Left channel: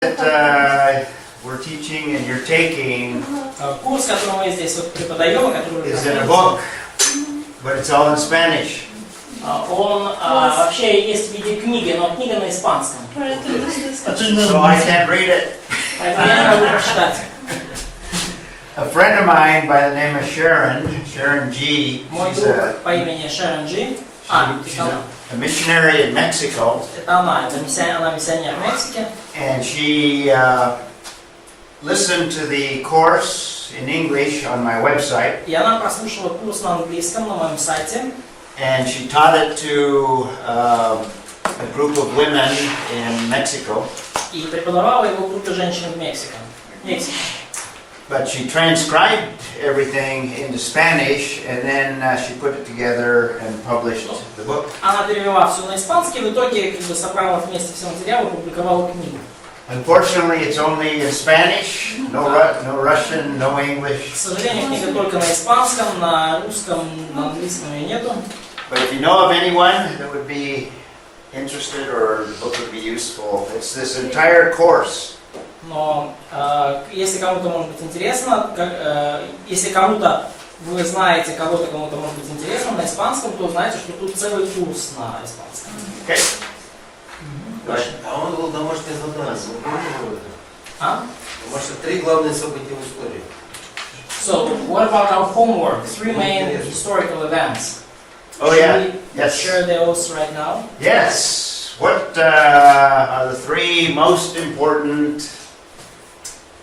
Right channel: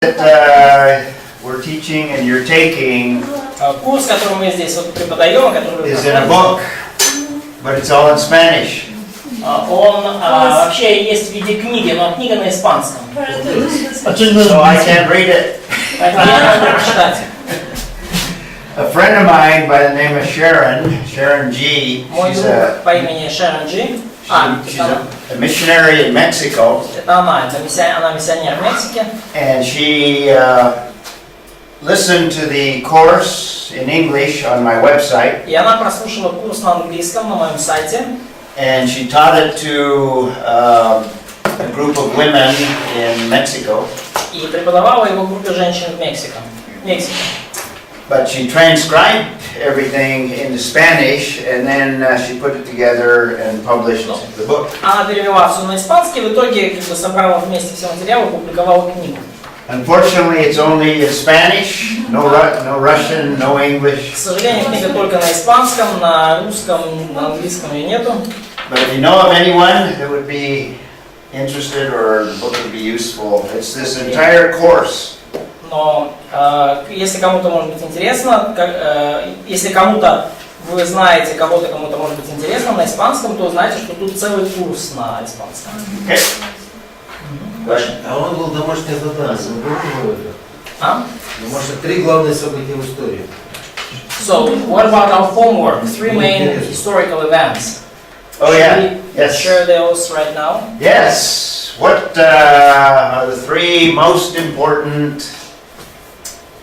That we're teaching and you're taking Курс, который мы здесь вот преподаем, который вы is in a book, but it's all in Spanish. он вообще есть в виде книги, но книга на испанском. So I can't read it. Поэтому я не могу прочитать. A friend of mine by the name of Sharon G. Мой She's друг по имени Шерон Джи. she's a missionary in Mexico. Это она миссионер в Мексике. And she listened to the course in English on my website. И она прослушала курс на английском на моем сайте. And she taught it to a group of women in Mexico. И преподавала его группе женщин в Мексике. But she transcribed everything into Spanish, and then she put it together and published the book. Она перевела все на испанский, в итоге как бы собрала вместе все материалы и публиковала книгу. Unfortunately, it's only in Spanish, no Russian, no English. К сожалению, книга только на испанском, на русском, на английском ее нету. But if you know of anyone that would be interested or the book would be useful, it's this entire course. Но если кому-то может быть интересно, если кому-то вы знаете кого-то, кому-то может быть интересно на испанском, то знайте, что тут целый курс на испанском. Okay. А он был домашнее задание. А? Может, 3 главные события в истории. So, what about our homework? 3 main historical events. Oh yeah. Yes. Share those right now. Yes. What are the 3 most important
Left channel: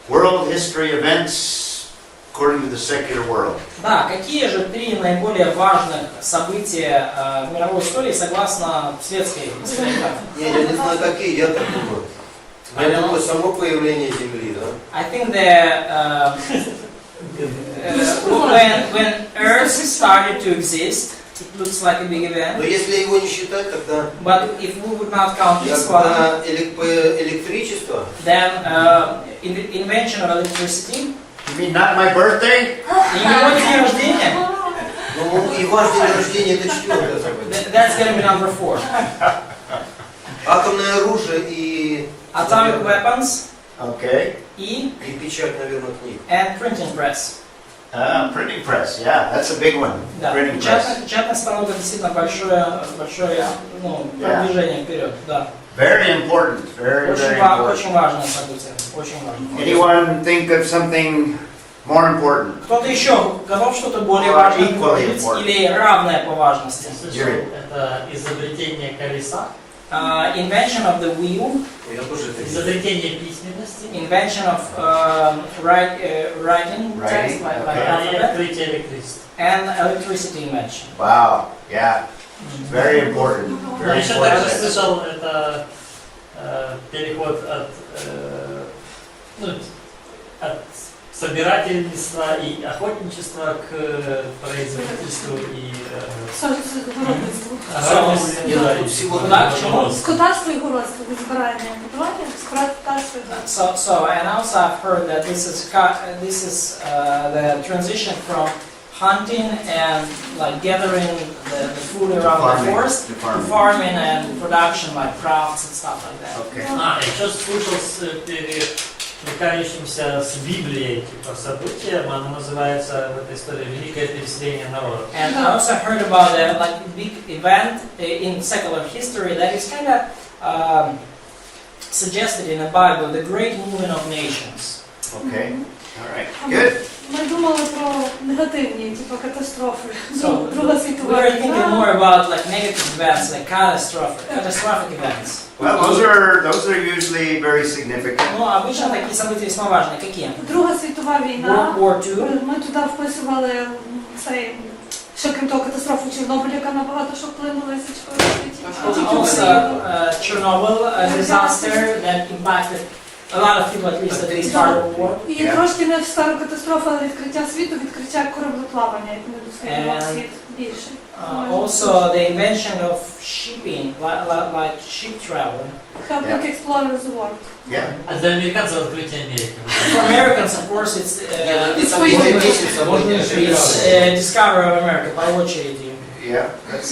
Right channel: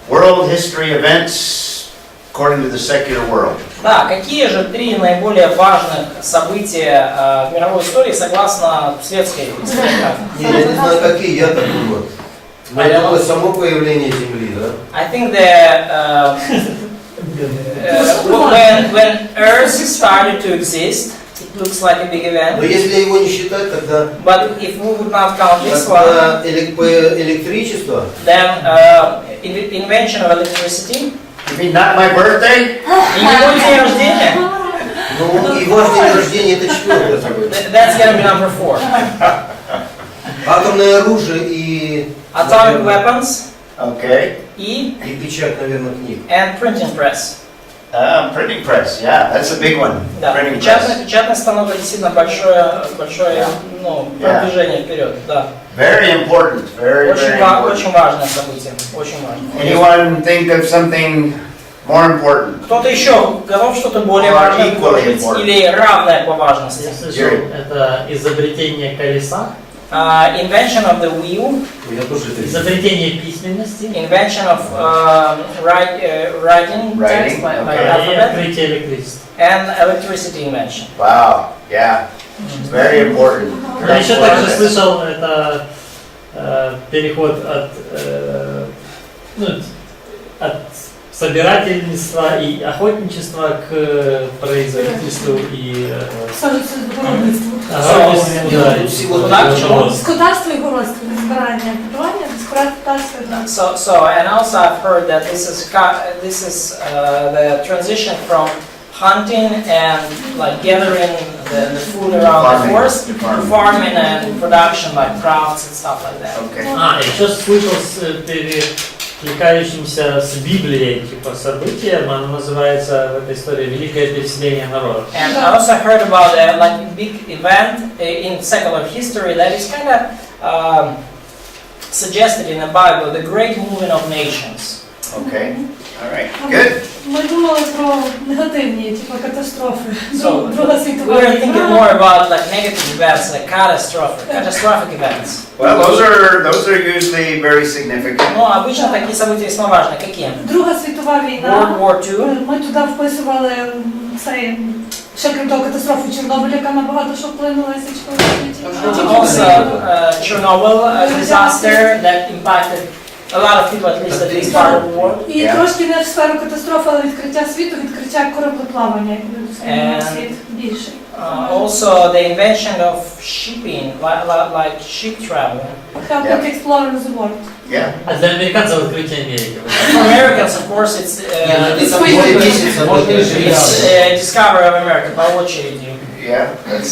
world history events according to the secular world? Да, какие же 3 наиболее важных события в мировой истории согласно светской историографии? Не, я не знаю, какие, я так думаю. Но это само появление Земли, да? I think that when Earth started to exist, it looks like a big event. Но если его не считать, тогда But if we would not count this one, электричество, then invention of electricity. You mean not my birthday? И не мой день рождения. ну и ваш день рождения это 4-е событие. That's gonna be number 4. Атомное оружие и Atomic weapons Okay. и печать, наверное, книг. and printing press. Printing press. Yeah, that's a big one. Да, Printing press. печатный станок это действительно большое продвижение вперед. Да. Very important. Very, very important. Очень важное событие. Очень важное. Anyone think of something more important? Кто-то еще готов что-то более Or важное equally предложить important. или равное по важности? Я слышал, это изобретение колеса, Invention of the wheel, Я тоже это видел. изобретение письменности invention of writing text by okay. и alphabet, открытие электричества. and electricity invention. Wow. Yeah. It's very important. Я Very еще также important. слышал, это переход от собирательства и охотничества к производительству и Скотарство і городство, збирання, будування, скотарство і городство. So and also I've heard that this is the transition from hunting and like gathering the food around the forest to farming and production like crafts and stuff like that. Okay. еще слышал с перекликающимся с Библией, типа событием, оно называется в этой истории «Великое переселение народа». And I also heard about a like big event in secular history that is kind of suggested in the Bible, the great moving of nations. Okay. All right. Good. Ми думали про негативні, типу катастрофи. So Друга світова we were thinking війна. more about like negative events, like catastrophic events. Well, those are usually very significant. Но обычно такие события весьма важны. Какие? Друга світова війна. World War II. Ми туди вписували цей, ще крім того, катастрофу Чорнобиля, яка набагато що вплинула і свічкою. Also, Chernobyl disaster that impacted a lot of people, at least part of the world. І трошки не в сферу катастрофи, але відкриття світу, відкриття кораблеплавання, як буде світ більший. Also, the invention of shipping, like ship travel. Helping explorers the world. Yeah. А для американцев открытие Америки. For Americans, of course, it's discovery of America by очереди. Yeah. That's.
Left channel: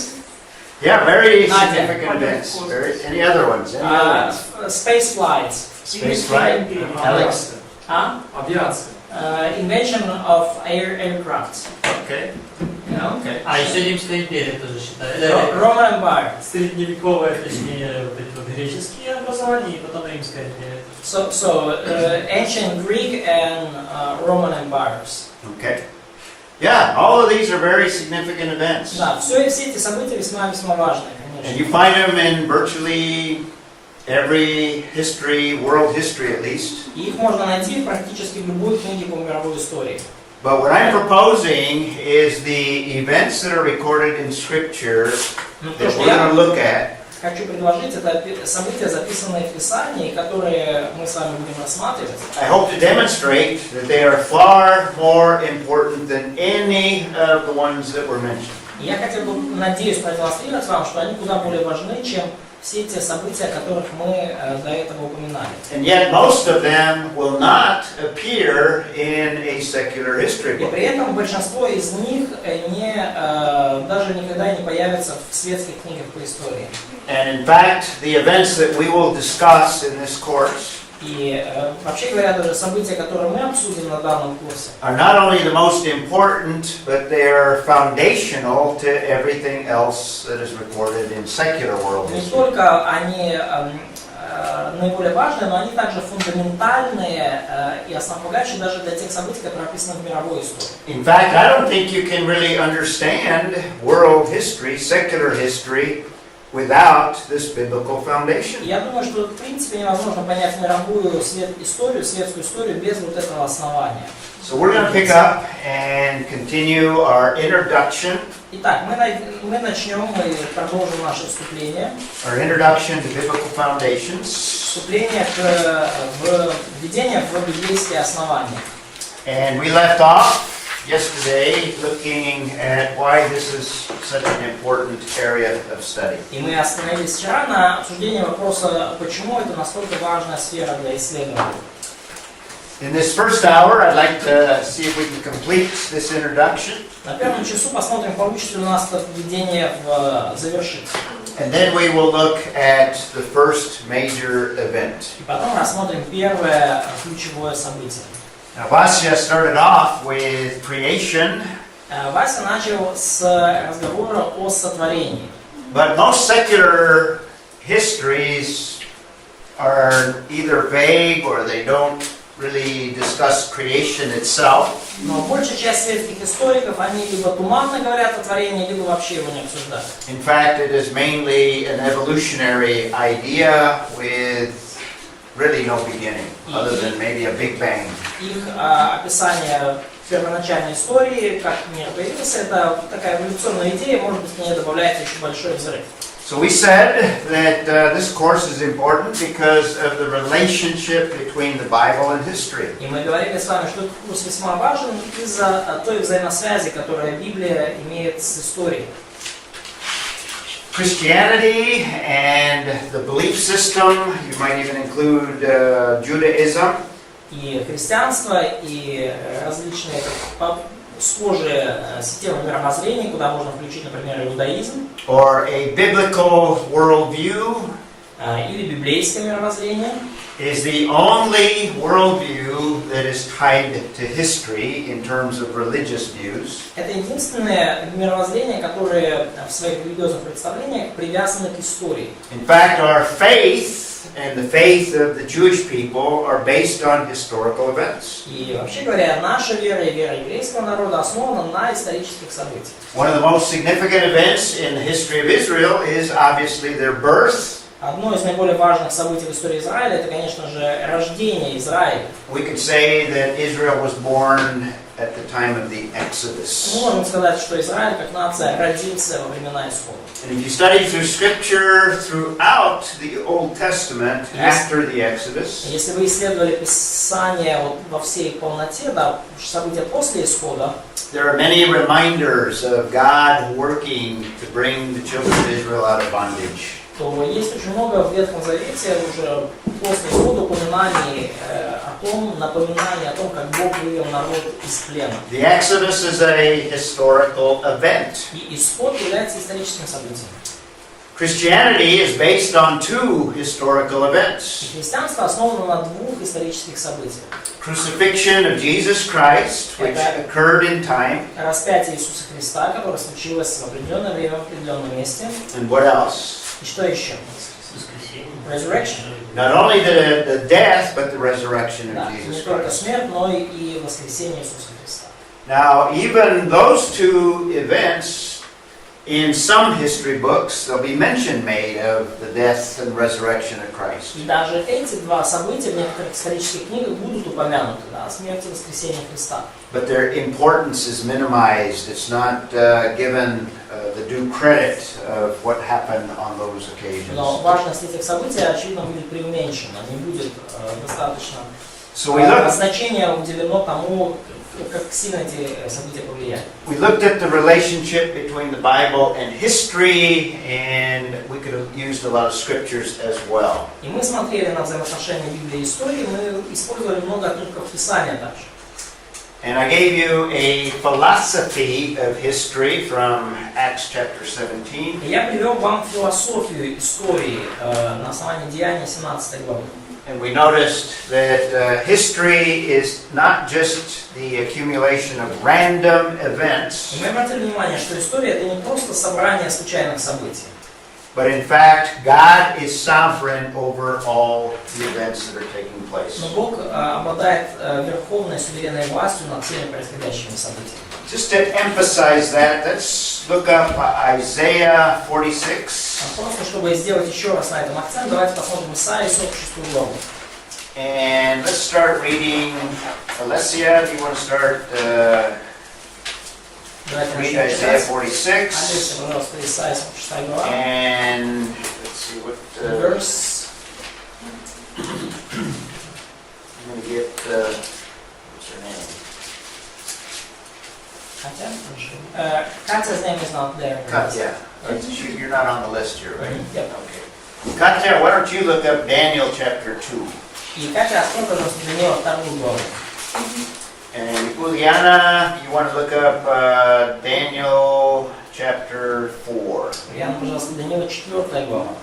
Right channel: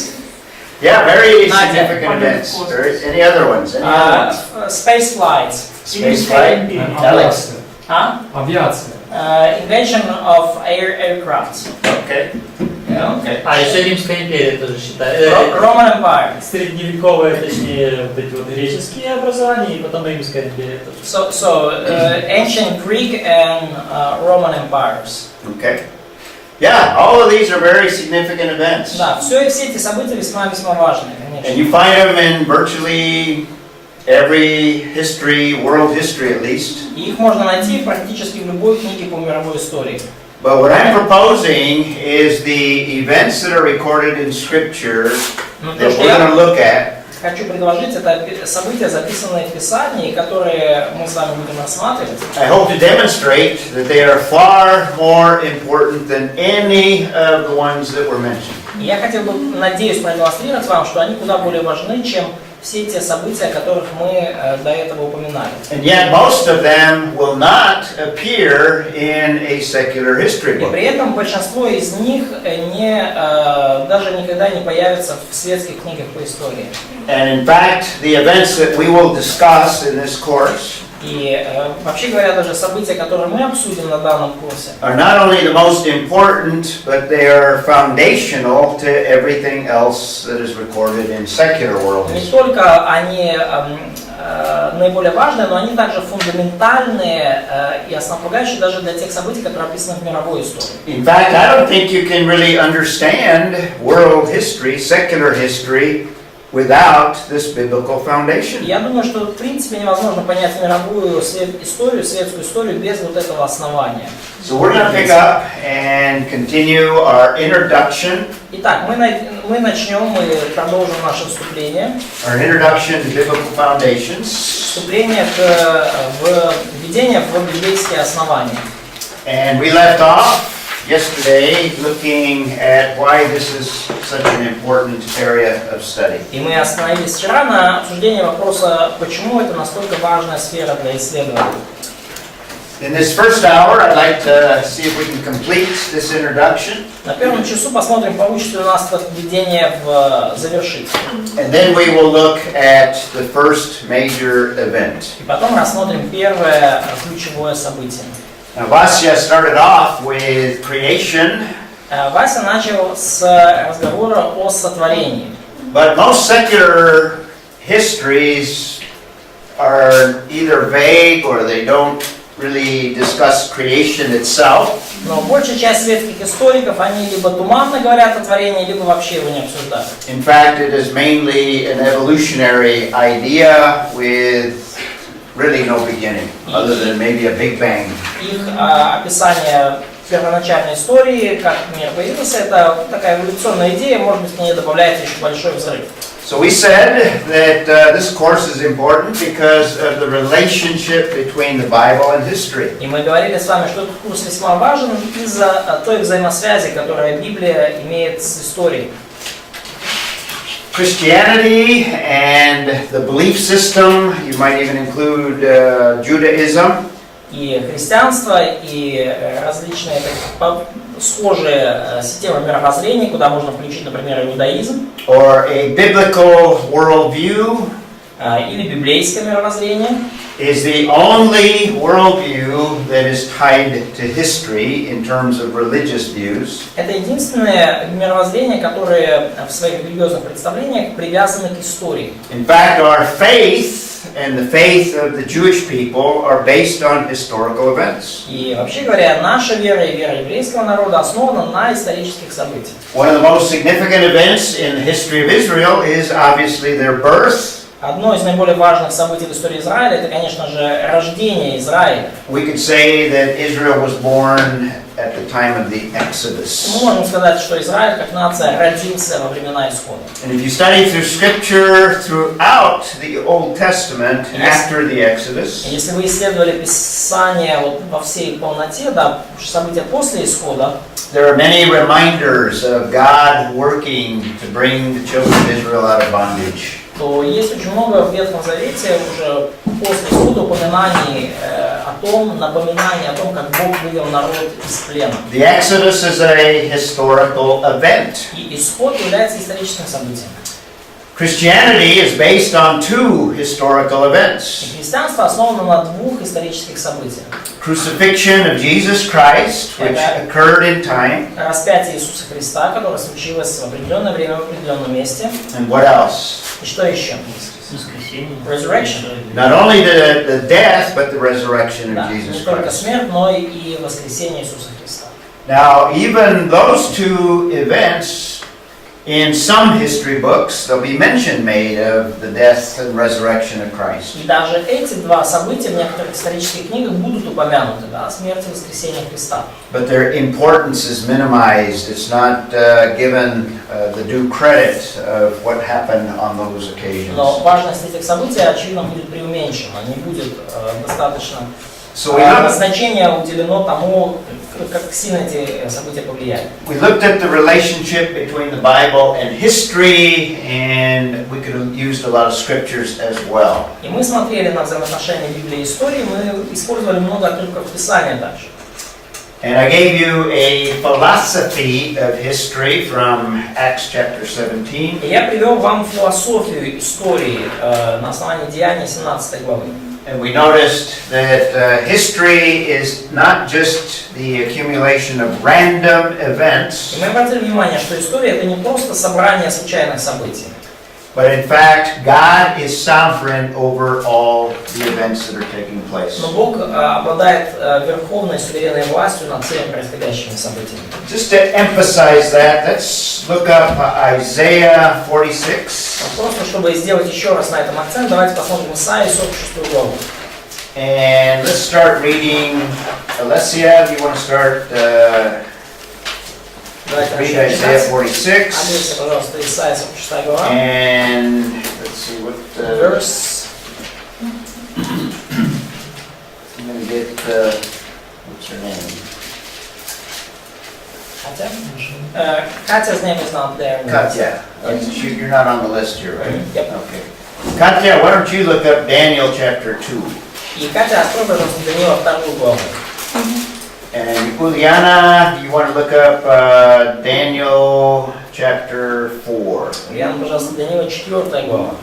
Yeah, very Not significant yet. events. Any other ones? Any other ones? Space flights. Space flight? Авиация. Huh? Авиация. Invention of aircraft. Okay. Yeah. Okay. А еще Римская империя тоже считается. Roman Empire. Средневековые, точнее, вот греческие образования, и потом Римская империя тоже. So ancient Greek and Roman empires. Okay. Yeah, all of these are very significant events. Да, все эти события весьма важные, And конечно. you find them in virtually every history, world history at least. И их можно найти практически в любой книге по мировой истории. But what I'm proposing is the events that are recorded in Scripture Но то, that что we're going to я look at. хочу предложить, это события, записанные в Писании, которые мы с вами будем рассматривать. I hope to demonstrate that they are far more important than any of the ones that were mentioned. И я хотел бы, надеюсь, продемонстрировать вам, что они куда более важны, чем все те события, о которых мы до этого упоминали. And yet most of them will not appear in a secular history И book. при этом большинство из них даже никогда не появятся в светских книгах по истории. And in fact, the events that we will discuss in this course И вообще говоря, даже события, которые мы обсудим на данном курсе, are not only the most important, but they are foundational to everything else that is recorded in secular world не history. только они наиболее важные, но они также фундаментальные и основополагающие даже для тех событий, которые описаны в мировой истории. In fact, I don't think you can really understand world history, secular history, without this biblical foundation. Я думаю, что в принципе невозможно понять мировую историю, светскую историю без вот этого основания. So we're going to pick up and continue our introduction, Итак, мы начнем, мы продолжим наше вступление. our introduction to biblical foundations. Вступление введение в библейские основания. And we left off yesterday looking at why this is such an important area of study. И мы остановились вчера на обсуждении вопроса, почему это настолько важная сфера для исследования. In this first hour, I'd like to see if we can complete this introduction, На первом часу посмотрим, получится ли у нас это введение завершить. and then we will look at the first major event. И потом рассмотрим первое ключевое событие. Now, Vasya started off with creation, Вася начал с разговора о сотворении. but most secular histories are either vague or they don't really discuss creation itself. Но большая часть светских историков, они либо туманно говорят о творении, либо вообще его не обсуждают. In fact, it is mainly an evolutionary idea with really no beginning, other than maybe a Big Bang. Их описание первоначальной истории, как мир появился, это такая эволюционная идея, может быть, к ней добавляется еще большой взрыв. So we said that this course is important because of the relationship between the Bible and history. И мы говорили с вами, что этот курс весьма важен из-за той взаимосвязи, которую Библия имеет с историей. Christianity and the belief system, you might even include Judaism, И христианство, и различные схожие системы мировоззрения, куда можно включить, например, иудаизм, or a biblical worldview, или библейское мировоззрение, is the only worldview that is tied to history in terms of religious views. это единственное мировоззрение, которое в своих религиозных представлениях привязано к истории. In fact, our faith and the faith of the Jewish people are based on historical events. И вообще говоря, наша вера и вера еврейского народа основана на исторических событиях. One of the most significant events in the history of Israel is obviously their birth. Одно из наиболее важных событий в истории Израиля – это, конечно же, рождение Израиля. We could say that Israel was born at the time of the Exodus. Мы можем сказать, что Израиль как нация родился во времена Исхода. And if you study through Scripture throughout the Old Testament after the Exodus, Если вы исследовали Писание во всей полноте, да, события после Исхода, there are many reminders of God working to bring the children of Israel out of bondage. то есть очень много в Ветхом Завете уже после Исхода упоминаний напоминаний о том, как Бог вывел народ из плена. The Exodus is a historical event. И Исход является историческим событием. Christianity is based on two historical events. И христианство основано на двух исторических событиях. Crucifixion of Jesus Christ, which occurred in time. Распятие Иисуса Христа, которое случилось в определенное время, в определенном месте. And what else? И что еще? Воскресение. Resurrection. Not only the death, but the resurrection Да, of не Jesus только Christ. смерть, но и воскресение Иисуса Христа. Now, even those two events, in some history books, there'll be mention made of the death and resurrection of Christ. И даже эти два события в некоторых исторических книгах будут упомянуты, да, смерть и воскресение Христа. But their importance is minimized. It's not given the due credit of what happened on those occasions. Но важность этих событий, очевидно, будет преуменьшена, не будет достаточно So we looked, значение уделено тому, как сильно эти события повлияли. we looked at the relationship between the Bible and history, and we could have used a lot of scriptures as well. И мы смотрели на взаимоотношения Библии и истории, мы использовали много отрывков Писания также. And I gave you a philosophy of history from Acts chapter 17. И я привел вам философию истории на основании Деяний 17 главы. And we noticed that history is not just the accumulation of random events, И мы обратили внимание, что история это не просто собрание случайных событий, but in fact, God is sovereign over all the events that are taking place. но Бог обладает верховной суверенной властью над всеми происходящими событиями. Just to emphasize that, let's look up Isaiah 46. Просто чтобы сделать еще раз на этом акцент, давайте посмотрим Исаию 46 главу. And let's start reading. Alessia, do you want to start Давайте read начнем Isaiah читать. 46? Алиса, пожалуйста, Исаия 46 глава. And let's see what Verse. I'm going to get what's her name? Katya? Katya's name is not there. Katya. You're not on the list here, right? Yep. Okay. Katya, why don't you look up Daniel chapter 2? И Катя, открой, пожалуйста, Даниила 2 главу. And Uliana, you want to look up Daniel chapter 4. Ульяна, пожалуйста, Даниила 4 глава.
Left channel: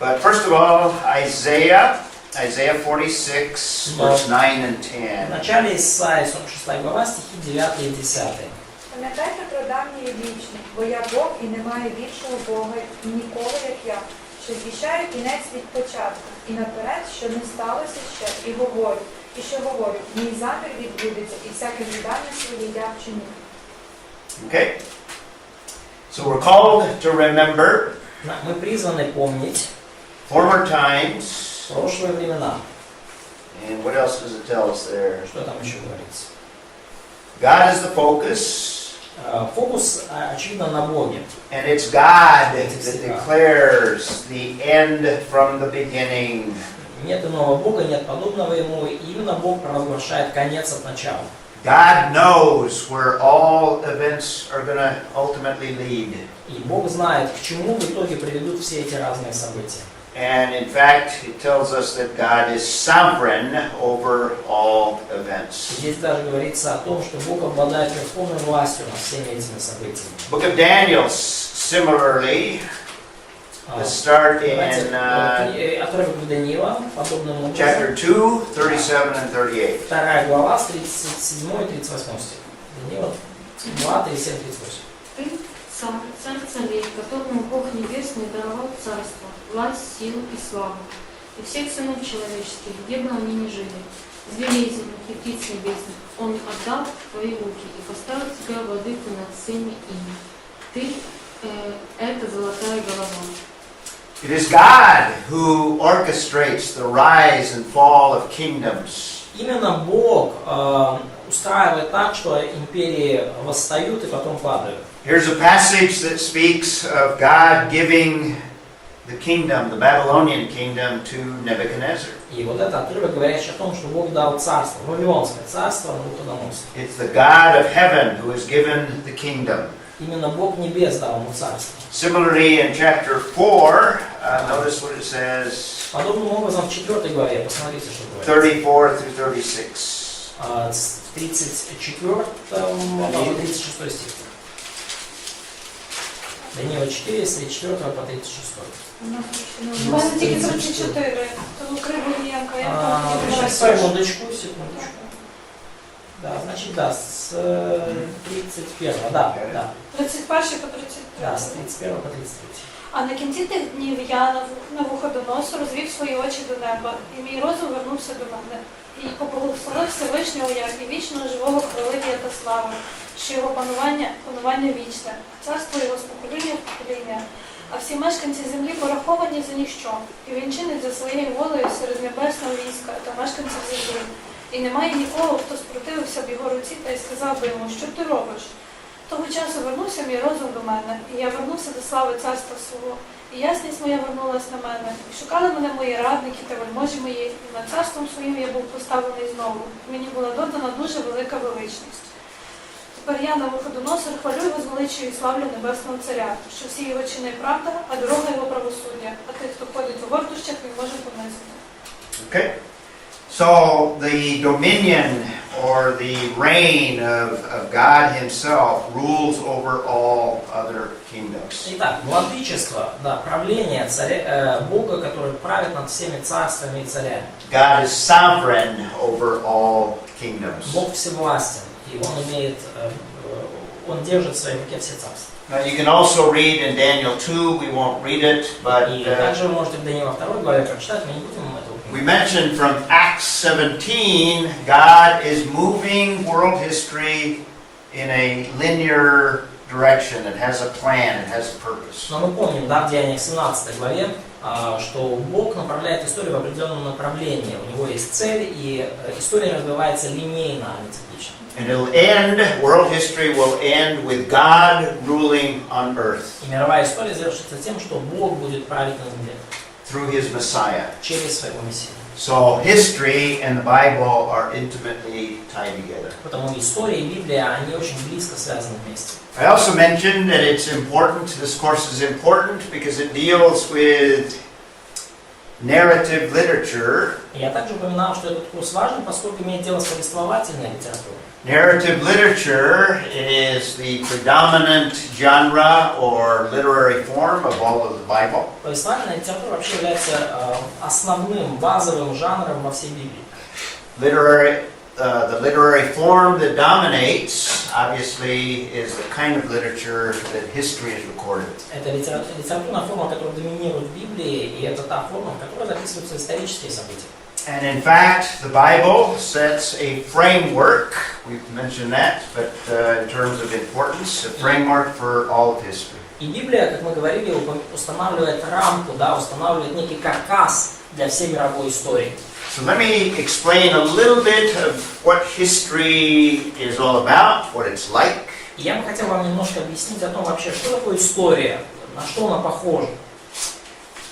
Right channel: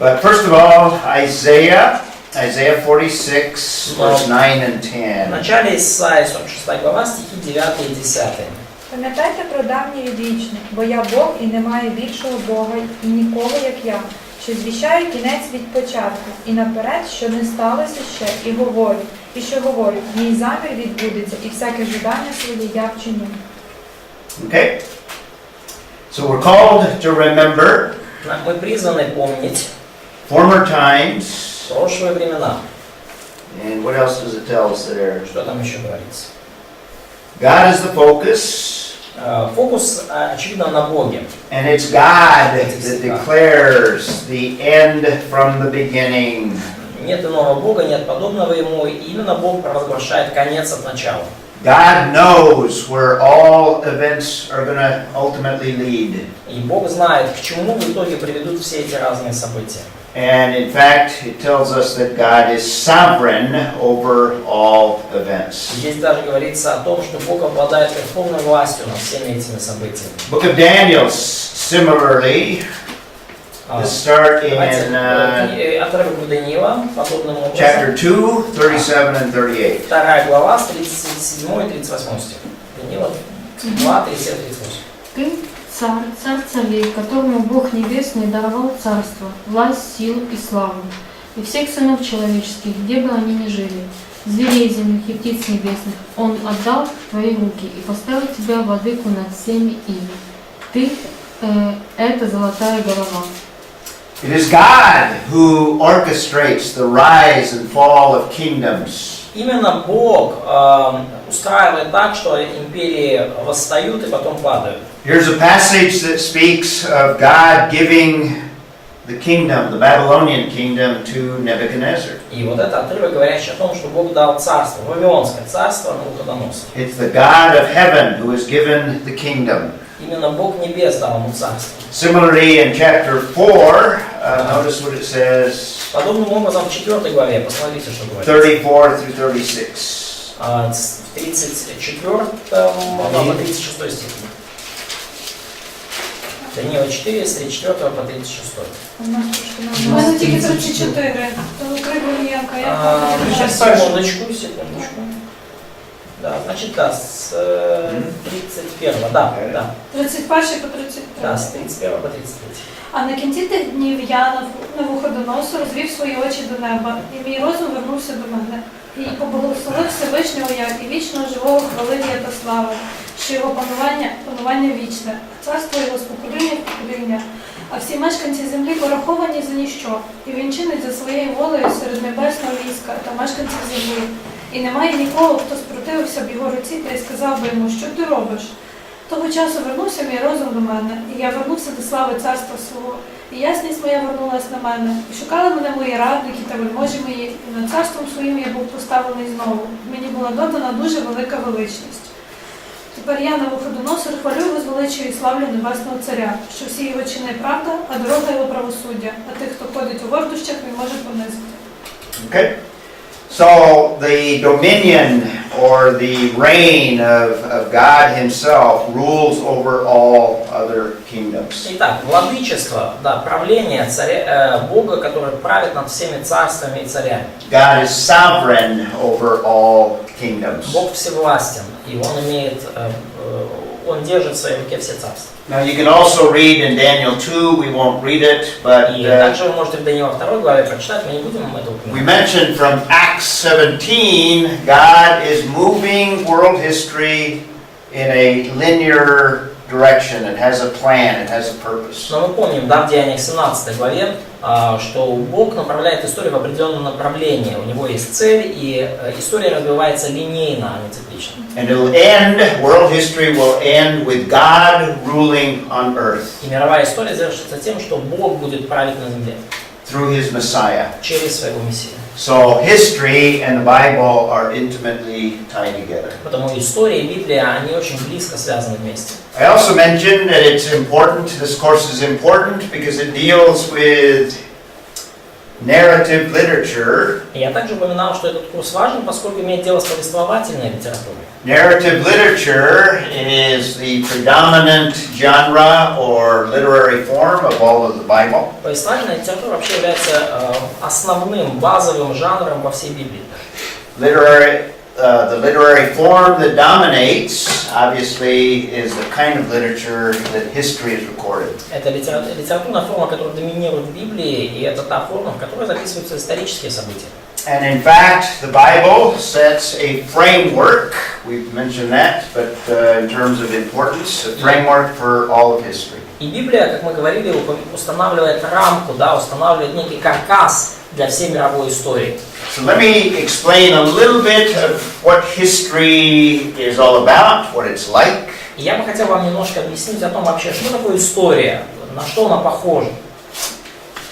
But first of all, Isaiah 46, verse 9 and В 10. начале Исаии 46 глава, стихи 9 и 10. Пам'ятайте про давнє і вічне, бо я Бог і немає більшого Бога, і нікого, як я, що звіщаю кінець від початку, і наперед, що не сталося ще, і говорю, мій замір відбудеться, і всяке жадання своє я вчиню. Okay? So we're called to remember Мы призваны помнить former times. прошлые времена. And what else does it tell us there? Что там еще говорится? God is the focus. Фокус, очевидно, на Боге. And it's God that declares the end from the beginning. Нет иного Бога, нет подобного Ему, и именно Бог провозглашает конец от начала. God knows where all events are going to ultimately lead. И Бог знает, к чему в итоге приведут все эти разные события. And in fact, it tells us that God is sovereign over all events. Здесь даже говорится о том, что Бог обладает верховной властью над всеми этими событиями. Book of Daniel, similarly, let's start in Отрывок Даниила, подобным образом. chapter 2, 37 and 38. 2 глава, с 37 и 38 стих. Даниила 2, 37, 38. Ты, царь царей, которому Бог Небесный даровал царство, власть, силу и славу, и всех сынов человеческих, где бы они ни жили, зверей земных и птиц небесных, Он отдал в твои руки и поставил тебя владыку над всеми ими. Ты это золотая голова. It is God who orchestrates the rise and fall of kingdoms. Именно Бог устраивает так, что империи восстают и потом падают. Here's a passage that speaks of God giving the kingdom, the Babylonian kingdom, to Nebuchadnezzar. И вот этот отрывок, говорящий о том, что Бог дал царство, Вавилонское царство Навуходоносору. It's the God of heaven who has given the kingdom. Именно Бог небес дал ему царство. Similarly, in chapter 4, notice what it says, Подобным образом в 4 главе, посмотрите, что говорится. 34 through 36. В 34 по 36 стих. Даниила 4, с 34 по 36. У мене тільки 34, тому Кривоєнка, я Сейчас, секундочку. Да, значит, да, с 31, да. 31 по 33. Да, с 31 по 33. А на кінці тих днів я Навуходоносор розвів свої очі до неба, і мій розум вернувся до мене. І поблагословив Всевишнього я, і вічного живого хвалив я та слави, що його панування вічне, царство його з покоління в покоління, а всі мешканці землі пораховані за ніщо, і він чинить за своєю волею серед небесного війська та мешканців землі. І немає нікого, хто спротивився б його руці та й сказав би йому, що ти робиш? Того часу вернувся мій розум до мене, і я вернувся до слави царства свого, і ясність моя вернулась на мене, і шукали мене мої радники та вельможі мої, і над царством своїм я був поставлений знову. Мені була додана дуже велика величність. Тепер я, Навуходоносор, хвалю і возвеличую і славлю Небесного Царя, що всі його чини правда, а дорога його правосуддя, а тих, хто ходить у гордощах, він може понизити. Okay? So the dominion or the reign of God Himself rules over all other kingdoms. Итак, владычество, да, правление царя, Бога, который правит над всеми царствами и царями. God is sovereign over all kingdoms. Бог всевластен, и Он держит в своей руке все царства. Now you can also read in Daniel 2, we won't read it, but И также вы можете в Даниила 2 главе прочитать, мы не будем это we упоминать. mentioned from Acts 17, God is moving world history in a linear direction. It has a plan, it has a purpose. Но мы помним, да, в Деяниях 17 главе, что Бог направляет историю в определенном направлении. У него есть цель, и история развивается линейно, а не циклично. And it'll end, world history will end with God ruling on earth И мировая история завершится тем, что Бог будет править на земле through His Messiah. через своего Мессию. So history and the Bible are intimately tied together. Потому история и Библия, они очень близко связаны вместе. I also mentioned that it's important, this course is important because it deals with narrative literature. И я также упоминал, что этот курс важен, поскольку имеет дело с повествовательной литературой. Narrative literature is the predominant genre or literary form of all of the Bible. Повествовательная литература вообще является основным, базовым жанром во всей Библии. The literary form that dominates, obviously, is the kind of literature that history is recorded. Это литературная форма, которая доминирует в Библии, и это та форма, в которой записываются исторические события. And in fact, the Bible sets a framework, we've mentioned that, but in terms of importance, a framework for all of history. И Библия, как мы говорили, устанавливает рамку, да, устанавливает некий каркас для всей мировой истории. So let me explain a little bit of what history is all about, what it's like. И я бы хотел вам немножко объяснить о том вообще, что такое история, на что она похожа.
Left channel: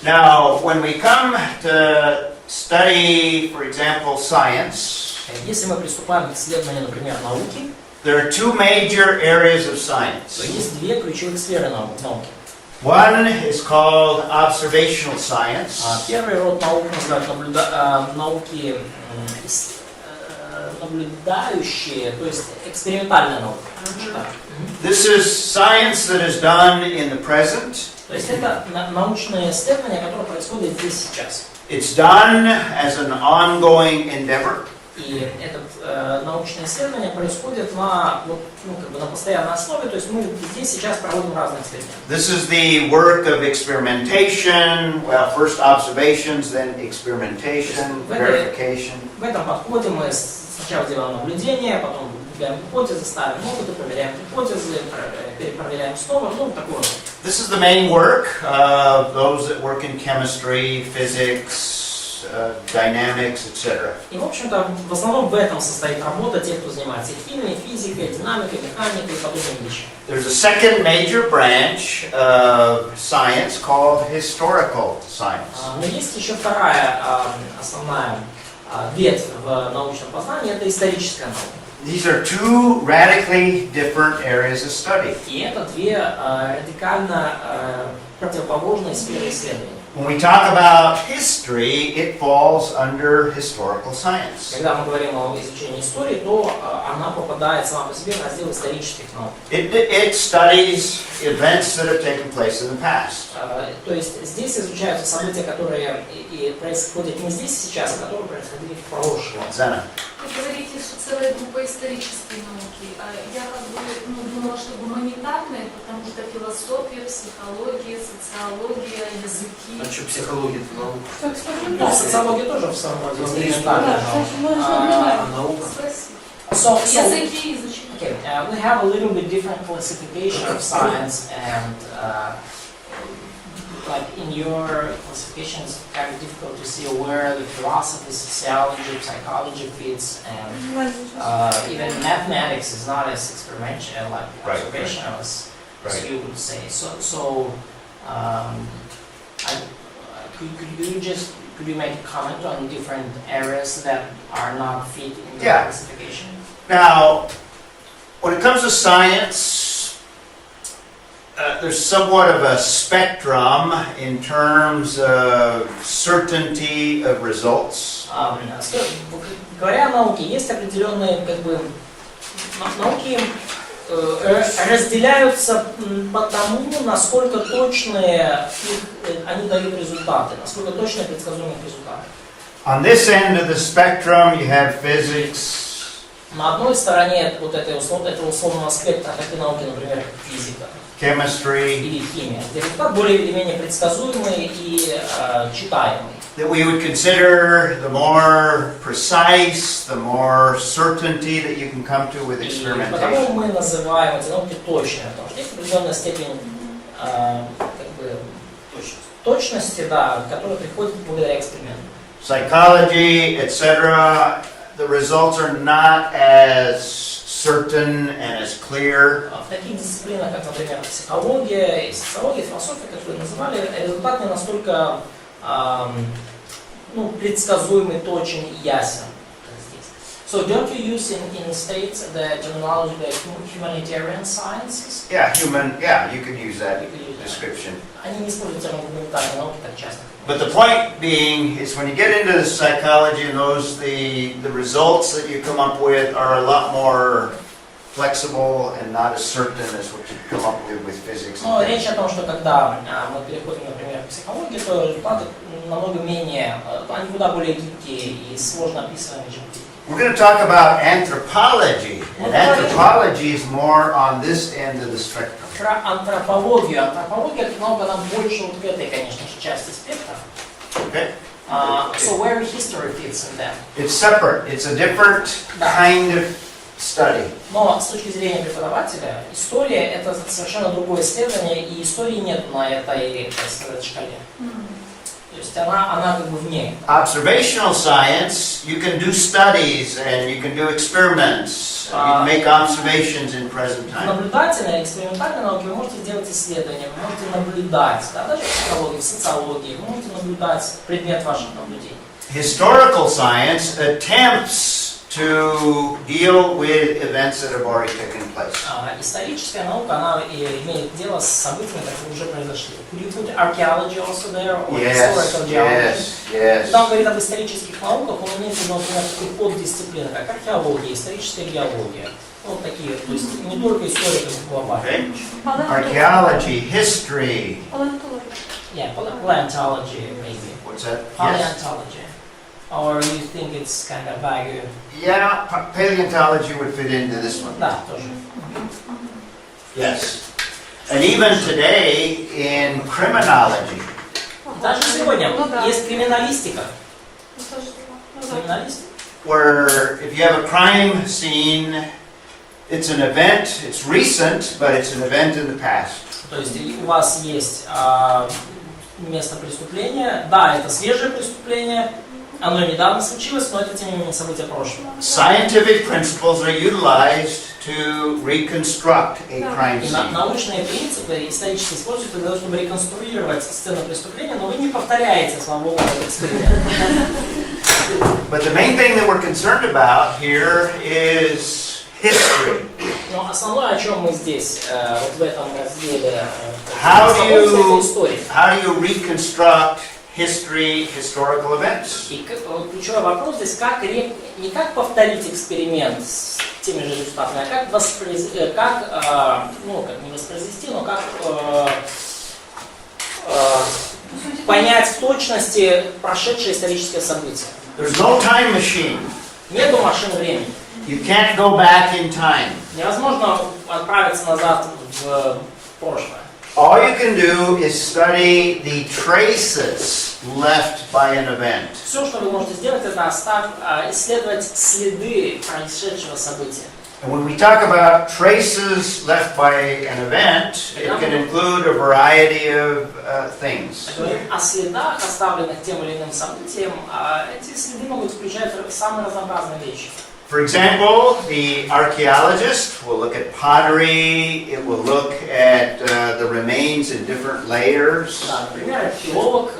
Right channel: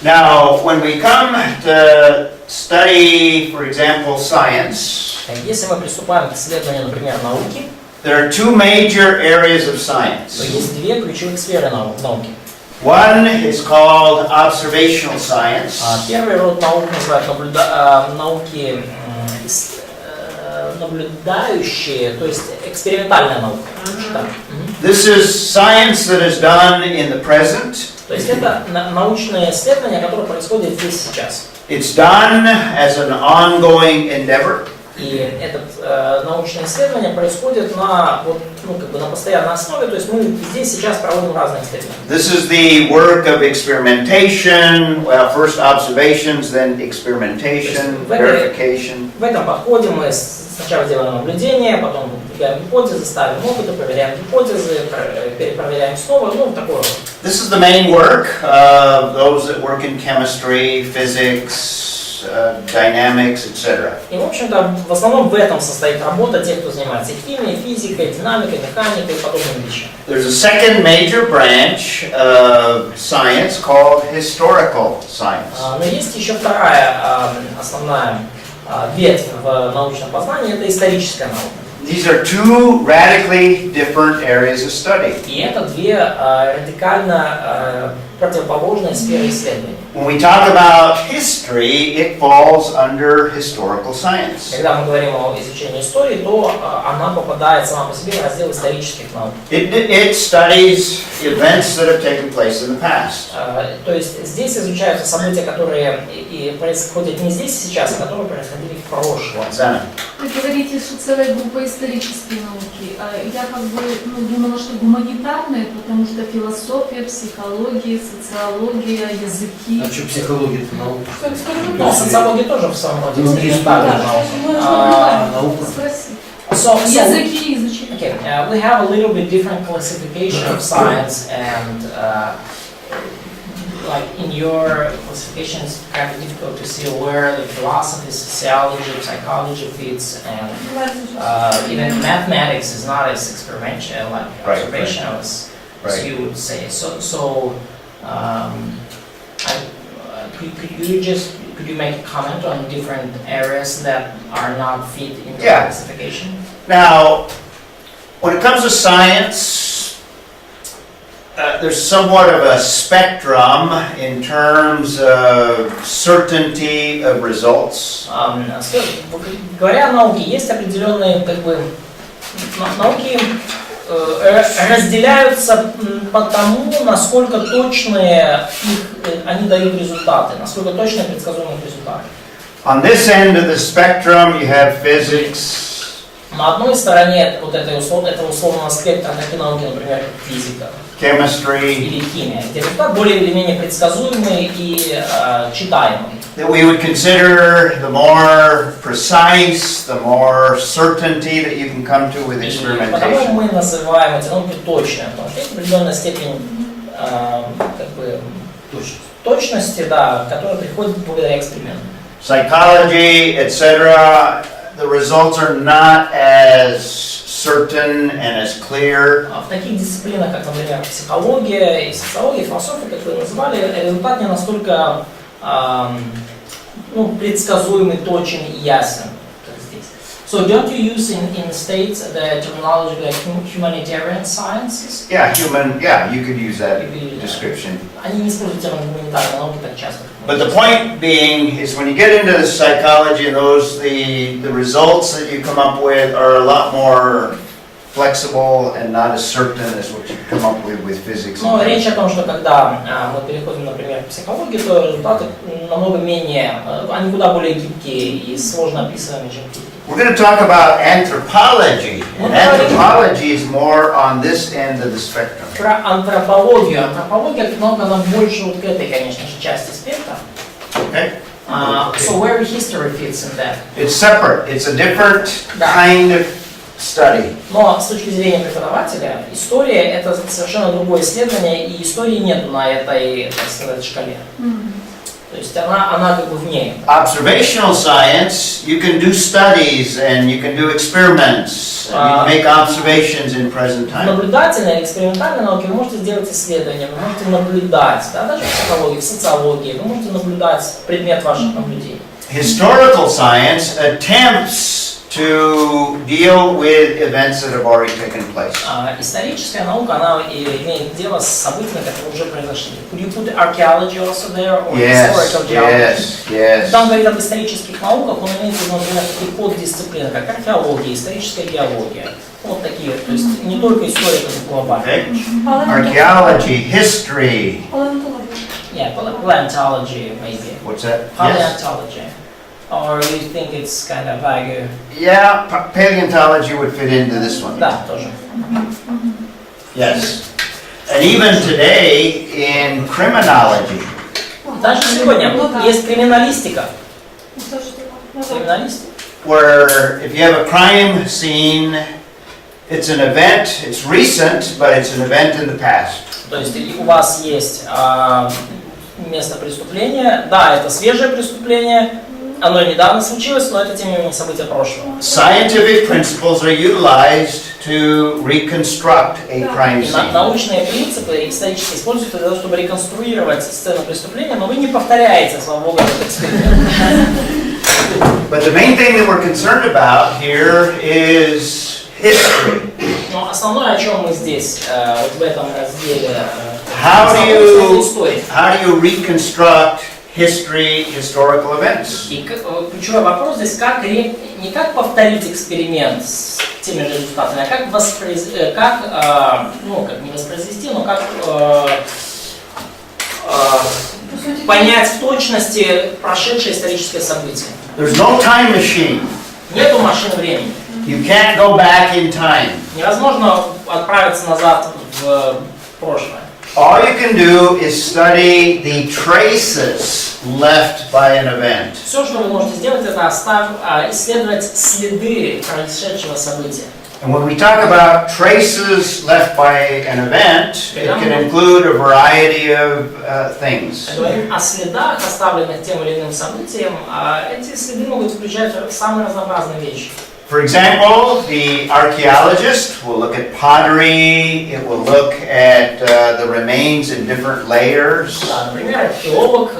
Now, when we come to study, for example, science, Если мы приступаем к исследованию, например, науки, there are two major areas of то science. есть две ключевых сферы науки. One is called observational science, Первый род наук называют науки наблюдающие, то есть экспериментальная наука. This is science that is done in the present. То есть это научное исследование, которое происходит здесь сейчас. It's done as an ongoing endeavor. И это научное исследование происходит на постоянной основе, то есть мы здесь сейчас проводим разные исследования. This is the work of experimentation, well, first observations, then experimentation, verification. В этом подходе мы сначала делаем наблюдение, потом выдвигаем гипотезы, ставим опыты, проверяем гипотезы, перепроверяем снова, такое вот. This is the main work of those that work in chemistry, physics, dynamics, etc. И, в общем-то, в основном в этом состоит работа тех, кто занимается химией, физикой, динамикой, механикой и подобными вещами. There's a second major branch of science called historical science. Но есть еще вторая основная ветвь в научном познании, это историческая наука. These are two radically different areas of study. И это две радикально противоположные сферы исследований. When we talk about history, it falls under historical science. Когда мы говорим о изучении истории, то она попадает сама по себе в раздел исторических наук. It studies events that have taken place in the past. То есть здесь изучаются события, которые и происходят не здесь и сейчас, а которые происходили в прошлом. Вы говорите, что целая группа исторические науки. Я как бы думала, что гуманитарные, потому что философия, психология, социология, языки. А что психология-то наука? Ну, социология тоже в самом роде Ну, экспериментальная наука. Наука. Спроси. Языки изучить. Okay, we have a little bit different classification of science, and like in your classification, it's kind of difficult to see where the philosophy, sociology, psychology fits, and even mathematics is not as experimental, like observational as you would say. Could you make a comment on different areas that are not fit into the classification? Now, when it comes to science, there's somewhat of a spectrum in terms of certainty of results. Говоря о науке, есть определенные науки разделяются по тому, насколько точные они дают результаты, насколько точные предсказуемые результаты. On this end of the spectrum, you have physics. На одной стороне этого условного спектра такие науки, например, физика, chemistry, или химия, где результат более или менее предсказуемый и читаемый. That we would consider the more precise, the more certainty that you can come to with experimentation. Потому мы называем эти науки точными, потому что есть определенная степень точности, да, которая приходит благодаря эксперименту. Psychology, etc., the results are not as certain and as clear. В таких дисциплинах, как, например, психология и социология, философия, как вы называли, результат не настолько предсказуемый, точен и ясен, как здесь. So don't you use in states the terminology like humanitarian sciences? Yeah, you could use that description. Они не используют термин гуманитарные науки так часто. But the point being is when you get into psychology and the results that you come up with are a lot more flexible and not as certain as what you come up with physics. Но речь о том, что когда мы переходим, например, к психологии, то результаты намного менее, они куда более гибкие и сложно описываемые, чем физика. We're going to talk about anthropology, and anthropology is more on this end of the spectrum. Про антропологию. Антропология, как наука, она больше вот к этой, конечно же, части спектра. Okay? So where history fits in that? It's separate. It's a different kind of study. Но с точки зрения преподавателя, история — это совершенно другое исследование, и истории нет на этой, так сказать, шкале. То есть она как бы вне. Observational science, you can do studies and you can do experiments. You can make observations in present time. Наблюдательные, экспериментальные науки вы можете сделать исследования, вы можете наблюдать, да, даже в психологии, в социологии, вы можете наблюдать предмет ваших наблюдений. Historical science attempts to deal with events that have already taken place. Историческая наука, она имеет дело с событиями, которые уже произошли. Could you put archaeology also there, or historical geology? Yes. Когда он говорит об исторических науках, он имеет в виду, например, такие поддисциплины, как археология, историческая геология. Вот такие, то есть не только история, как глобальная. Archaeology, history. Yeah, paleontology maybe. What's that? Paleontology. Or you think it's kind of vague? Yeah, paleontology would fit into this one. Да, тоже. Yes. And even today in criminology. Даже сегодня есть криминалистика. Where if you have a crime scene, it's an event, it's recent, but it's an event in the past. То есть у вас есть место преступления, да, это свежее преступление, оно недавно случилось, но это тем не менее событие прошлого. Scientific principles are utilized to reconstruct a crime scene. Научные принципы исторически используются для того, чтобы реконструировать сцену преступления, но вы не повторяете, слава богу, этот эксперимент. But the main thing that we're concerned about here is history. Но основное, о чем мы здесь, вот в этом разделе How do Смысловой you- истории. How do you reconstruct historical events? И ключевой вопрос здесь, не как повторить эксперимент с теми же результатами, а как не воспроизвести, но как понять в точности прошедшее историческое событие. There's no time machine. Нету машин времени. You can't go back in time. Невозможно отправиться назад в прошлое. All you can do is study the traces left by an event. Все, что вы можете сделать, это исследовать следы происшедшего события. And when we talk about traces left by an event, it can include a variety of things. Говорим о следах, оставленных тем или иным событием, а эти следы могут включать самые разнообразные вещи. For example, the archaeologist will look at pottery, it will look at the remains in different layers. Да, например, археолог,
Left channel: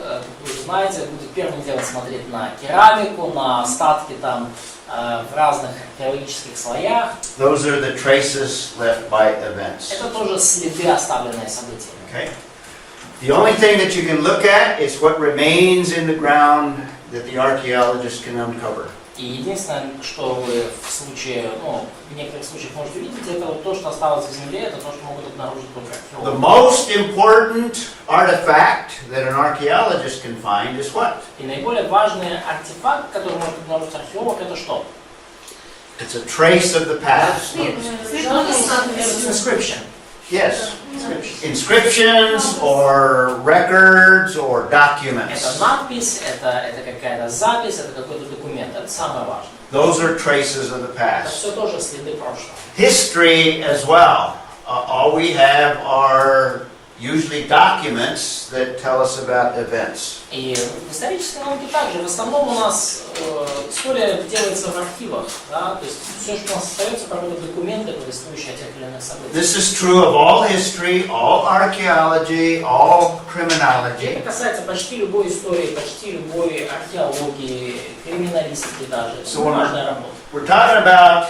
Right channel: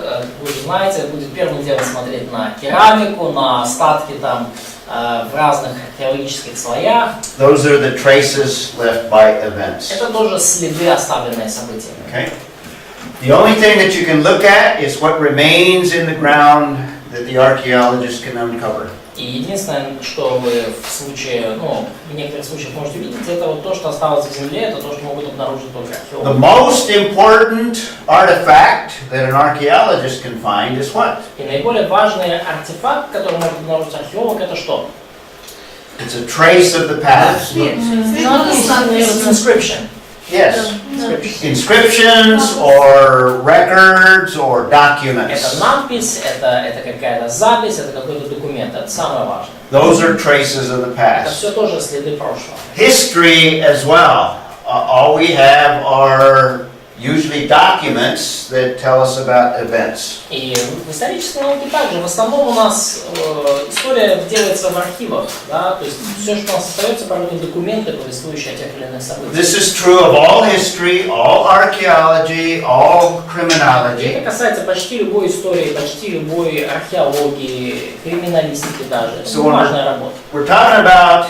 вы же знаете, будет первым делом смотреть на керамику, на остатки там в разных археологических слоях. Those are the traces left by events. Это тоже следы, оставленные событиями. Okay? The only thing that you can look at is what remains in the ground that the archaeologist can uncover. И единственное, что вы в некоторых случаях можете увидеть, это вот то, что осталось в земле, это то, что могут обнаружить только The археологи. most important artifact that an archaeologist can find is what? И наиболее важный артефакт, который может обнаружить археолог, это что? It's a trace of the past. It's inscription. Yes. Inscriptions or records or documents. Это надпись, это какая-то запись, это какой-то документ. Это самое важное. Those are traces of the Это past. все тоже следы прошлого. History as well. All we have are usually documents that tell us about events. И в исторической науке также. В основном у нас история делается в архивах. Да? То есть все, что у нас остается, порой документы, повествующие о тех или иных событиях. This is true of all history, all archaeology, all И criminology. это касается почти любой истории, почти любой археологии, криминалистики даже. Это So важная работа. we're talking about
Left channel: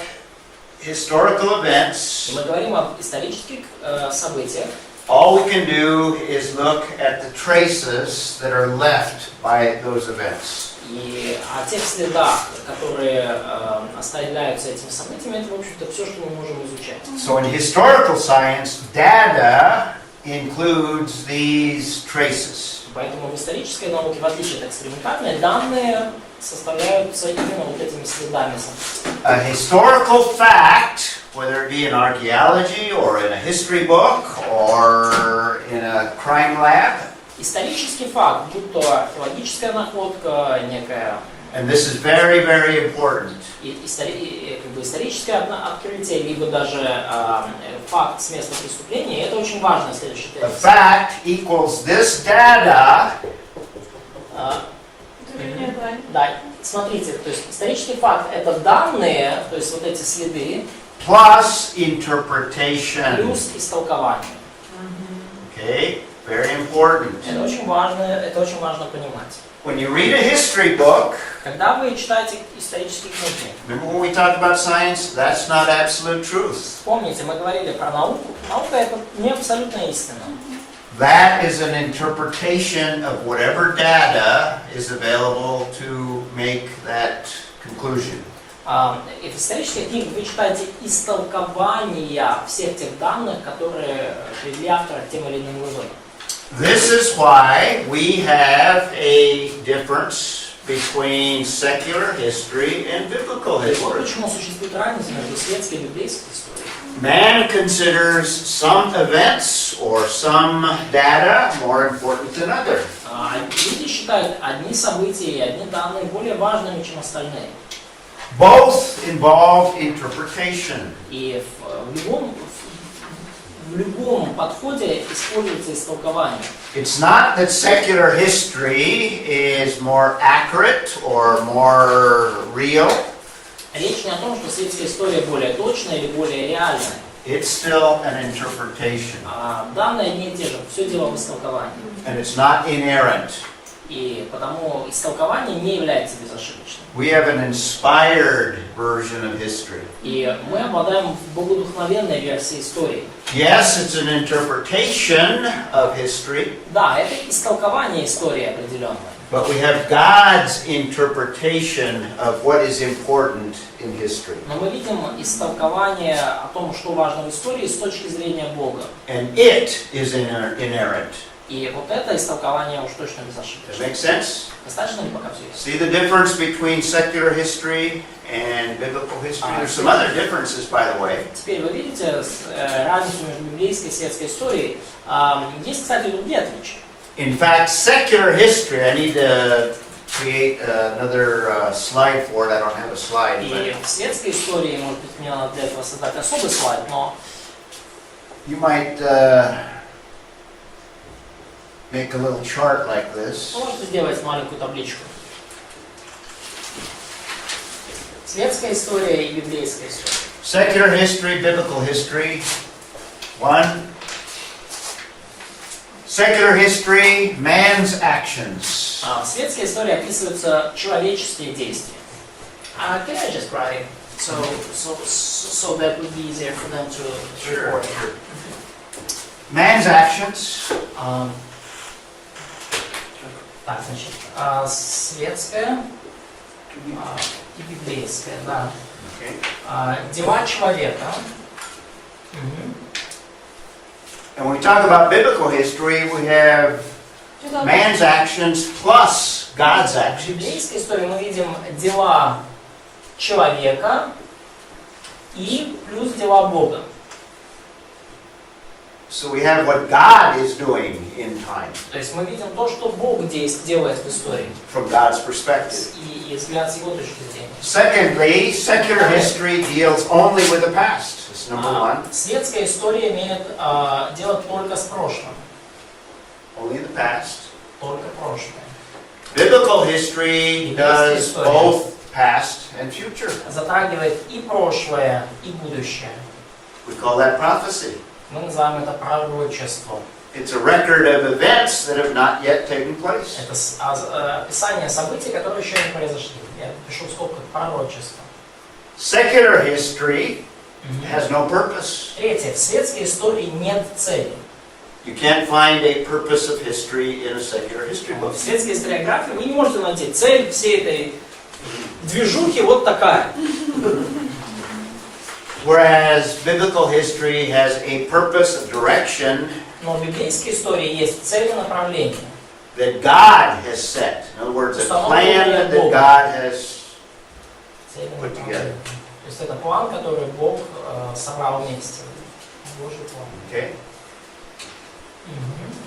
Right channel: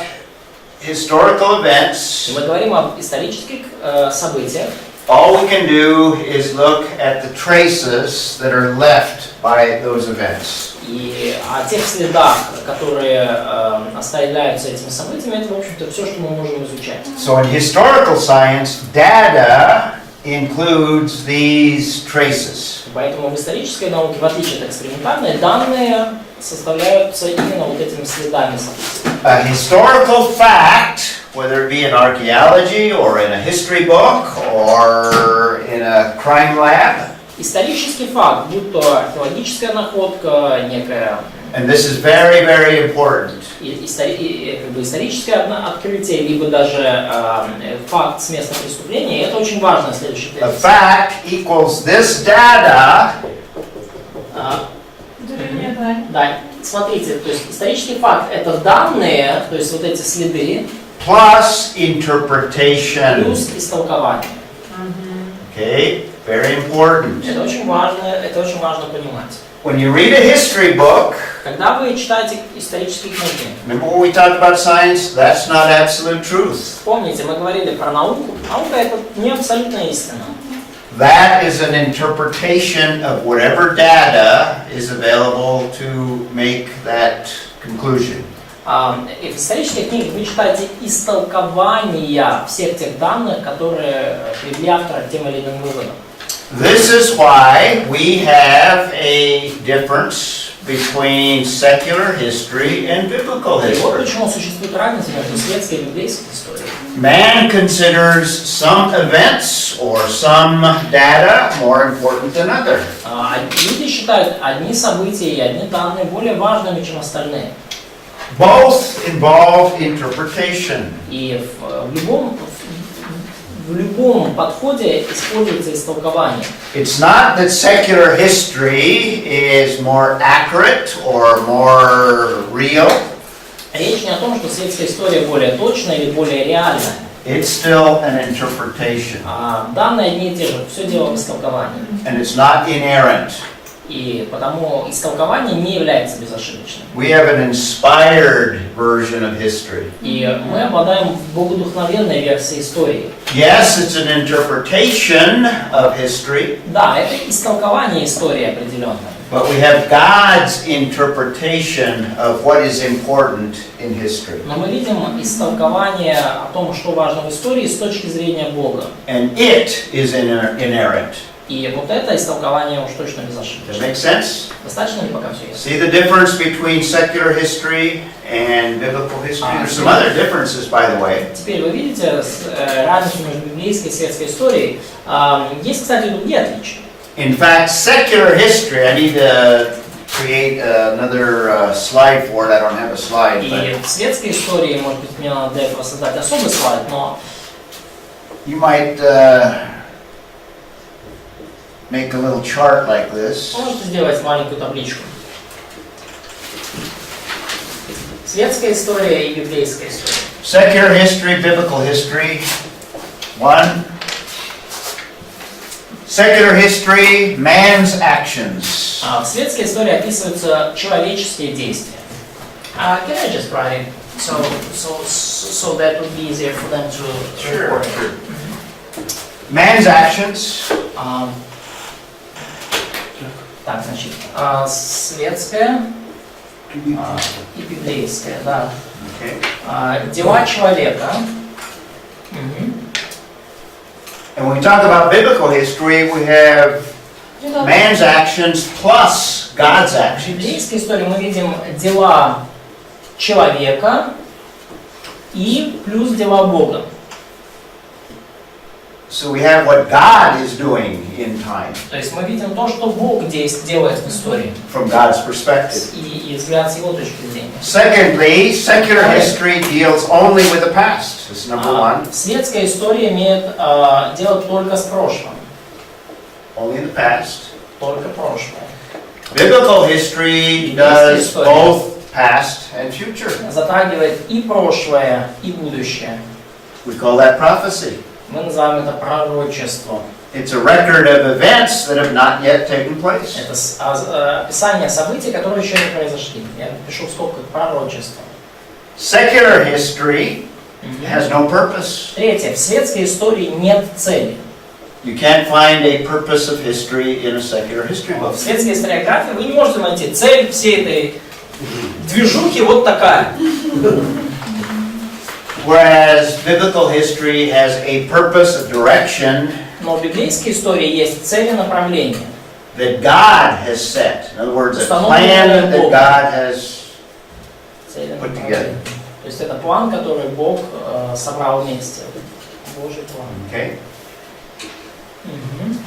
historical events. И мы говорим об исторических событиях. All we can do is look at the traces that are left by those events. И о тех следах, которые оставляются этими событиями, это, в общем-то, все, что мы можем изучать. So in historical science, data includes these traces. Поэтому в исторической науке, в отличие от экспериментальной, данные составляются именно вот этими следами событий. A historical fact, whether it be in archaeology or in a history book or in a crime lab, Исторический факт, будь то археологическая находка, некая and this is very, very important. историческое открытие, либо даже факт с места преступления, это очень важно, следующий A тезис. fact equals this data Да, смотрите, то есть исторический факт это данные, то есть вот эти следы, plus interpretation. плюс истолкование. Okay, very important. Это очень важно понимать. When you read a history book, Когда вы читаете исторические книги, remember when we talked about science? That's not absolute truth. помните, мы говорили про науку. Наука это не абсолютная истина. That is an interpretation of whatever data is available to make that conclusion. И в исторических книгах вы читаете истолкования всех тех данных, которые привели автора к тем или иным выводам. This is why we have a difference between secular history and biblical И вот history. почему существует разница между светской и библейской историей. Man considers some events or some data more important than others. Люди считают одни события и одни данные более важными, чем остальные. Both involve interpretation. И в любом подходе используется истолкование. It's not that secular history is more accurate or more real. Речь не о том, что светская история более точная или более реальная. It's still an interpretation. Данные одни и те же, все дело в истолковании. And it's not inerrant. И потому истолкование не является безошибочным. We have an inspired version of history. И мы обладаем богодухновенной версией истории. Yes, it's an interpretation of history, Да, это истолкование истории определенное. but we have God's interpretation of what is important in history. Но мы видим истолкование о том, что важно в истории с точки зрения Бога. And it is inerrant. И вот это истолкование уж точно Does that безошибочно. make sense? Достаточно ли пока все ясно? See the difference between secular history and biblical history? There's some other differences, by the way. Теперь вы видите разницу между библейской и светской историей. Есть, кстати, и другие отличия. In fact, secular history, I need to create another slide for it. I don't have a slide, И but в светской истории, может быть, мне надо для этого создать особый слайд, но you might make a little chart like this. вы можете сделать маленькую табличку. Светская история и библейская история. Secular history, biblical history. One. Secular history, man's actions. В светской истории описываются человеческие действия. Can I just write so that would be easier for them to record? Man's actions. Так, значит, светская и библейская, да. Okay. Дела человека. Мгм. And when we talk about biblical history, we have man's actions plus God's В actions. библейской истории мы видим дела человека и плюс дела Бога. So we have what God is doing in time То есть мы видим то, что Бог делает в истории. from God's perspective. И взгляд с его точки зрения. Secondly, secular history deals only with the past. That's number one. Светская история имеет дело только с прошлым. Only in the past. Только прошлое. Biblical history does both past and future. Затрагивает и прошлое, и будущее. We call that prophecy. Мы называем это пророчеством. It's a record of events that have not yet taken place. Это описание событий, которые еще не произошли. Я пишу в скобках пророчество. Secular history has no purpose. Третье. В светской истории нет цели. You can't find a purpose of history in a secular history book. В светской историографии вы не можете найти цель всей этой движухи вот такая. Whereas biblical history has a purpose of direction Но в библейской истории есть цель и направление. that God has set. In other words, a plan that God has. Цель и Put направление. То есть это план, который Бог собрал вместе. Божий план. Okay. Мгм.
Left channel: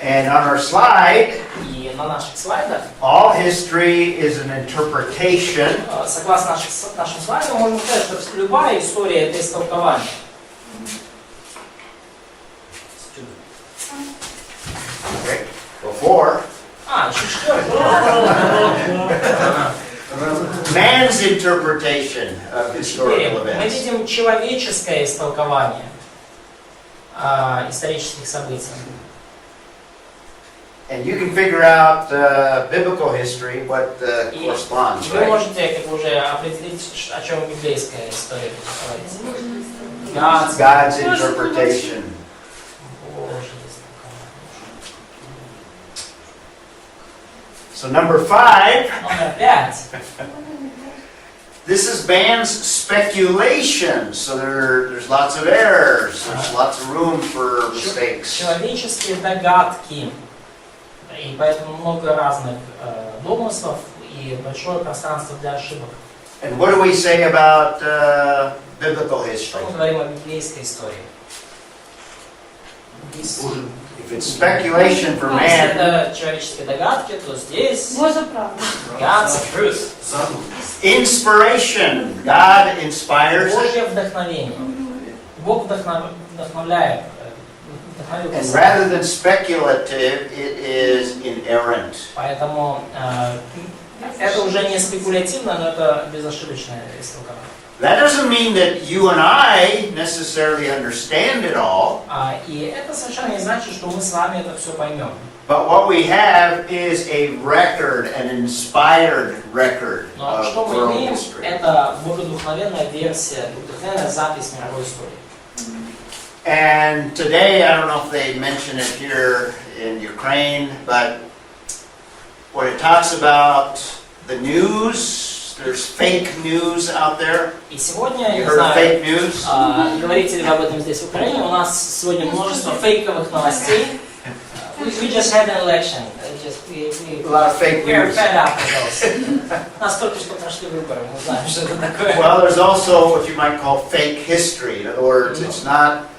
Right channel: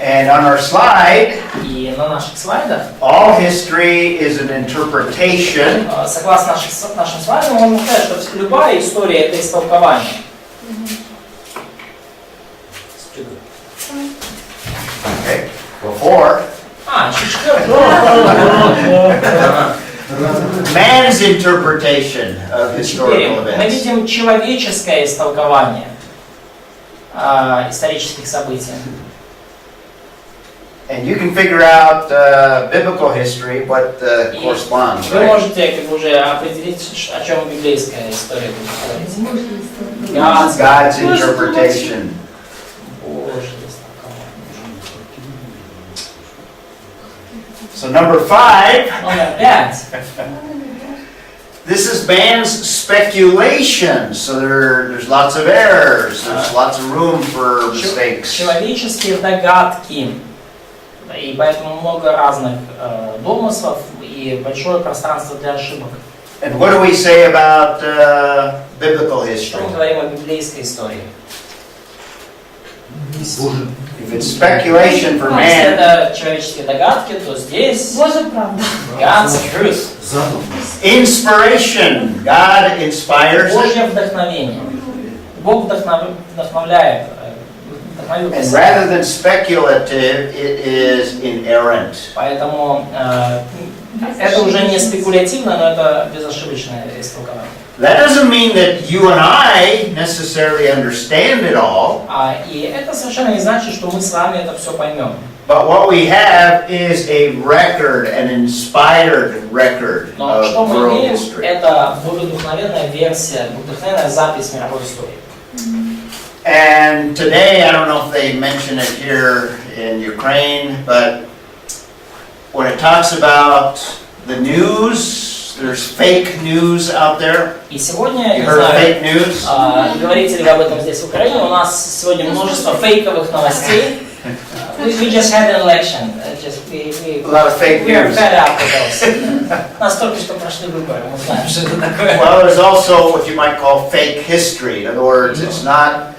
And on our slide, И на наших слайдах, all history is an interpretation согласно нашим слайдам, мы можем сказать, что любая история — это истолкование. Okay. Before, man's interpretation of Теперь historical мы events. видим человеческое истолкование исторических событий. And you can figure out biblical history, what corresponds, Вы right? можете как бы уже определить, о чем библейская история будет говорить. God's interpretation. Божье истолкование. So number 5, Номер 5. this is man's speculation. So there's lots of errors. There's lots of room for mistakes. Человеческие догадки. И поэтому много разных домыслов и большое пространство для ошибок. And what do we say about biblical Что history? мы говорим о библейской истории? If it's speculation for Если man, это человеческие догадки, то здесь Божа правда. God's truth. inspiration. God inspires it. Божье вдохновение. Бог вдохновляет. And rather than speculative, it is inerrant. Поэтому это уже не спекулятивно, но это безошибочное истолкование. That doesn't mean that you and I necessarily understand it all, И это совершенно не значит, что мы с вами это все поймем. But what we have is a record, an inspired record Но что of мы world имеем, history. это вдохновенная версия, вдохновенная запись мировой истории. And today, I don't know if they mention it here in Ukraine, but when it talks about the news, there's fake news out there. И сегодня, You не heard of знаю, fake news? говорите ли вы об этом здесь в Украине, у нас сегодня множество фейковых новостей. We just had an election. A lot of fake We are news. fed up with those. Нас только что прошли выборы, мы знаем, что это такое. Well, there's also what you might call fake history. In other words, it's not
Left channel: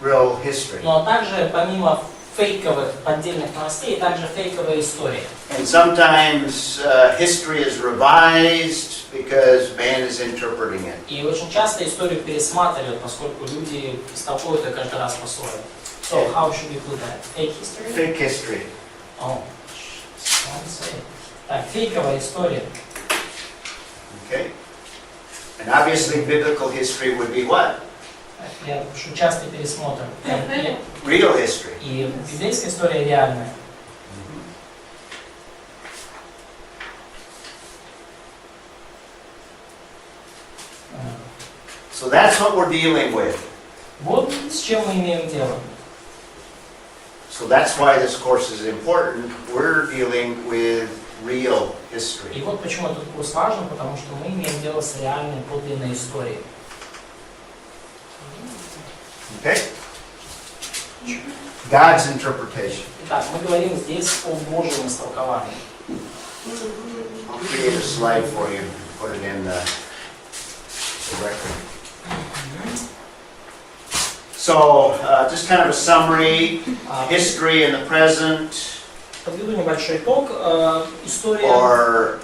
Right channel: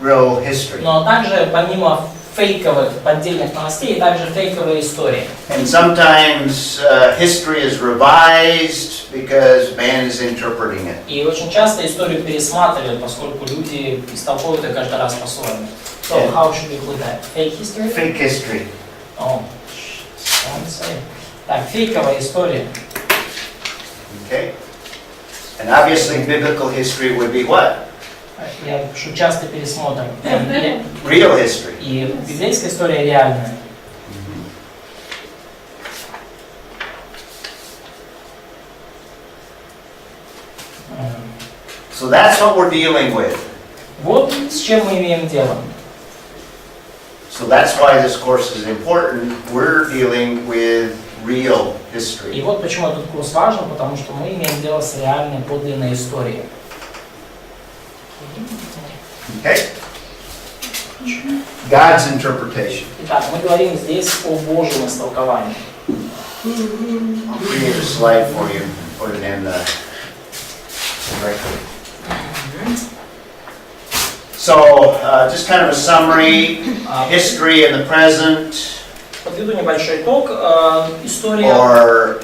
real history. Но также, помимо фейковых поддельных новостей, также фейковые истории. And sometimes history is revised because man is interpreting it. И очень часто историю пересматривают, поскольку люди истолковывают ее каждый раз по-своему. So how should we put that? Fake history? Fake history. Oh, don't say. Так, фейковая история. Okay? And obviously biblical history would be what? Я пишу частый пересмотр. Real history. И библейская история реальная. So that's what we're dealing with. Вот с чем мы имеем дело. So that's why this course is important. We're dealing with real И history. вот почему этот курс важен, потому что мы имеем дело с реальной подлинной историей. Okay? God's interpretation. Итак, мы говорим здесь о Божьем истолковании. I'll create a slide for you. Put it in the record. So, just kind of a summary, history in the present, Подведу небольшой итог. История, or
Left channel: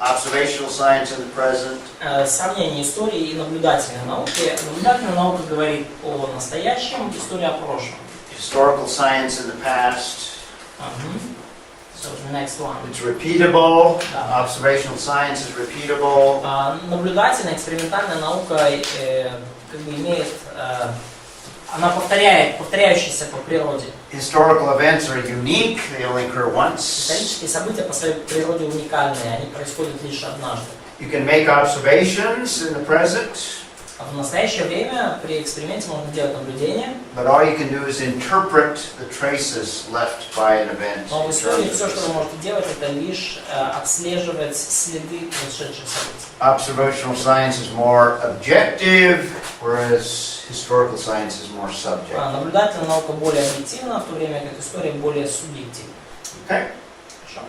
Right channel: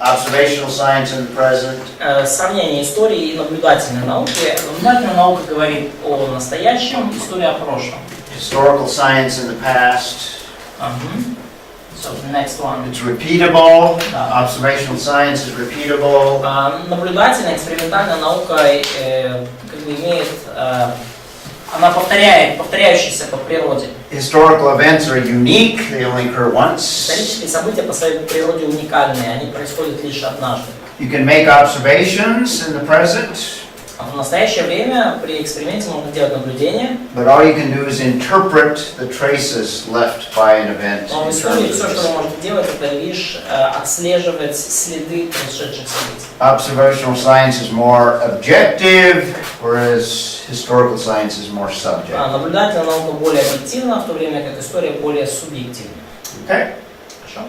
observational science in the present, сравнение истории и наблюдательной науки. Наблюдательная наука говорит о настоящем, история о прошлом. historical science in the past. So the next one. It's repeatable. Да. Observational science is repeatable. Наблюдательная, экспериментальная наука как бы имеет, она повторяющаяся по природе. Historical events are unique. They only occur once. Исторические события по своей природе уникальные, они происходят лишь однажды. You can make observations in the present, В настоящее время при эксперименте можно делать наблюдения, but all you can do is interpret the traces left by an event. но в in истории terms все, of что this. вы можете делать, это лишь отслеживать следы происшедших событий. Observational science is more objective, whereas historical science is more subjective. Наблюдательная наука более объективна, в то время как история более субъективна. Okay? Хорошо?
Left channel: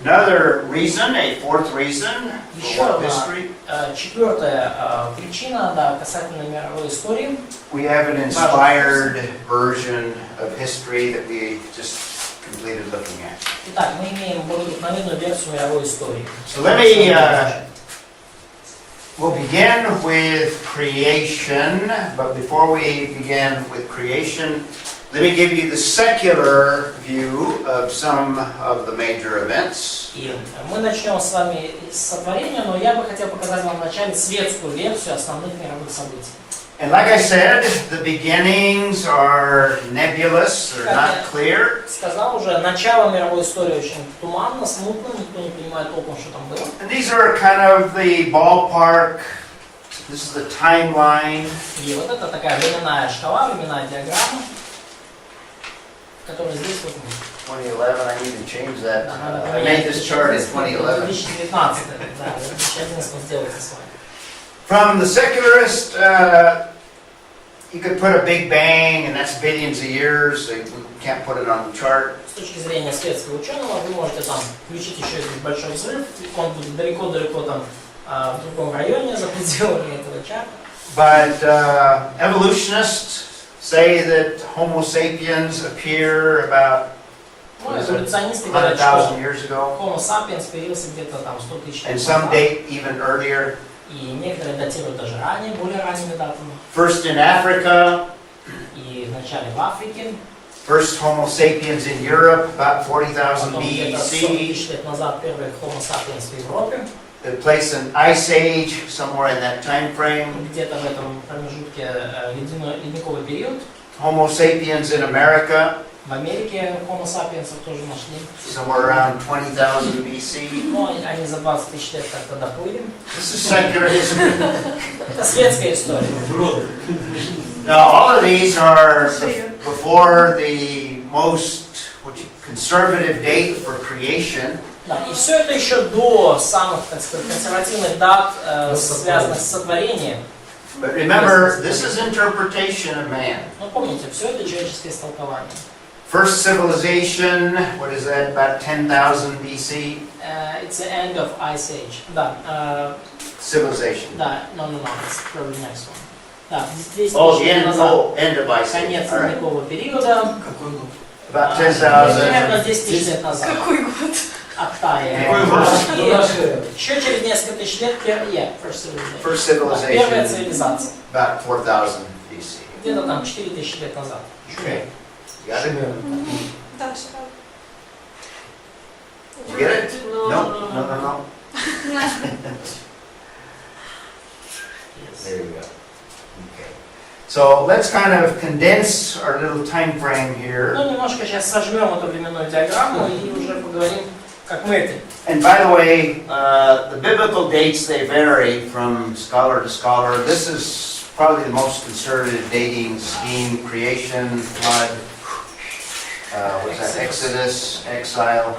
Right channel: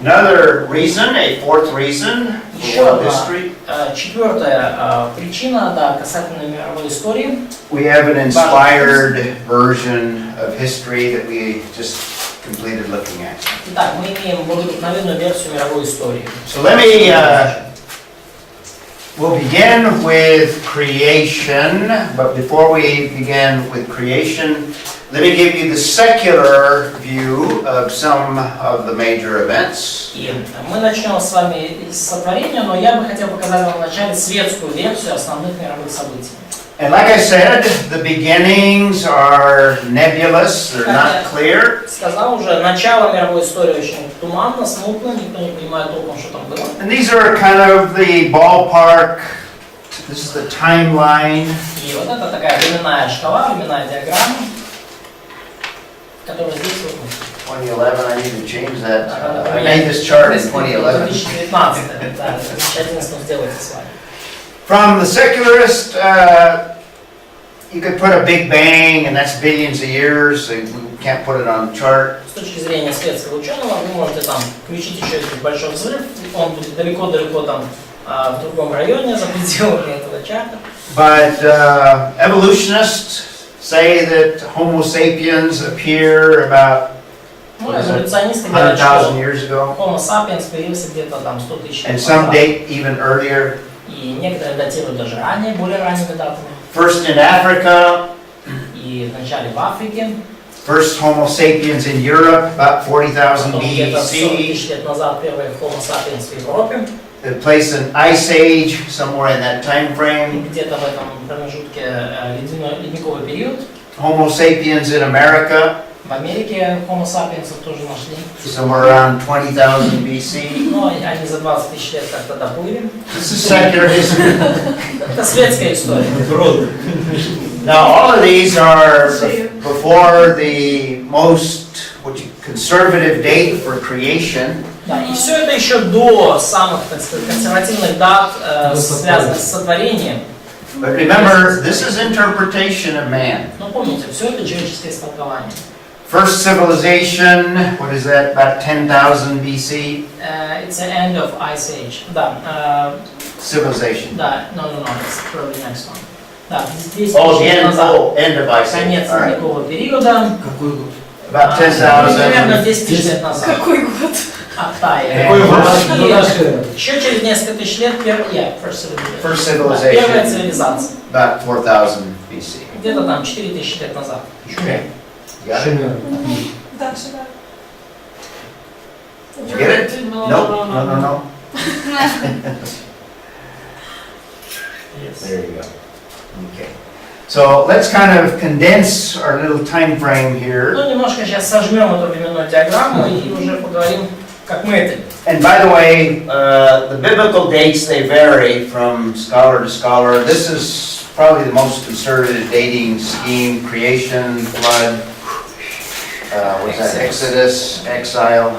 Another reason, a fourth reason for Еще world одна, history, четвертая причина, да, касательно мировой истории. we have an inspired version of history that we just completed looking at. Итак, мы имеем вдохновенную версию мировой истории. So we'll begin with creation, but before we begin with creation, let me give you the secular view of some of the major events. И мы начнем с вами с сотворения, но я бы хотел показать вам вначале светскую версию основных мировых событий. And like I said, the beginnings are nebulous, they're not clear. Сказал уже, начало мировой истории очень туманно, смутно, никто не понимает толком, что там было. And these are kind of the ballpark, this is the timeline. И вот это такая временная шкала, временная диаграмма, которая здесь вот. 2011, I need to change that. I made this chart in 2011. 2019, да, 2011 сделайте с вами. From the secularist, you could put a big bang, and that's billions of years. So we can't put it on the chart. С точки зрения светского ученого, вы можете там включить еще один большой взрыв, он будет далеко-далеко там в другом районе, за пределами этого чарта. But evolutionists say that Homo sapiens appear about Ну, эволюционисты говорят, 100,000 что years ago, Homo sapiens появился где-то там 100 тысяч лет and some назад. date even earlier. И некоторые датируют даже ранее, более ранними датами. First in Africa, И вначале в Африке, first Homo sapiens in Europe, about 40,000 потом где-то 40 BC. тысяч лет назад первый Homo sapiens в Европе. It placed an ice age somewhere in that time frame. Где-то в этом промежутке ледниковый период. Homo sapiens in America, В Америке Homo sapiens тоже нашли. somewhere around 20,000 BC. Но они за 20 тысяч лет как-то доплыли. This is secular history. Это светская история. Now, all of these are before the most conservative date for creation. Да, и все это еще до самых, так сказать, консервативных дат, связанных с сотворением. But remember, this is interpretation of man. Но помните, все это человеческое истолкование. First civilization, what is that, about 10,000 BC? It's the end of Ice Age. Да, Civilization. да, no, it's probably next one. Да, 10 Oh, тысяч the лет end, назад. end of Ice Age. Конец All right. ледникового периода. About Примерно 10,000. 10 тысяч лет назад. Какой год? Октая. Какой год? И еще через несколько тысяч лет First да, первая civilization, цивилизация. about 4,000 BC. Где-то там 4000 лет назад. Okay. Got it? Дальше, да. Did you get it? No. There you go. Okay. So let's kind of condense our little time frame here. Ну, немножко сейчас сожмем эту временную диаграмму и уже поговорим, как мы это. And by the way, the biblical dates, they vary from scholar to scholar. This is probably the most conservative dating scheme: creation, flood, what's that? Exodus, exile.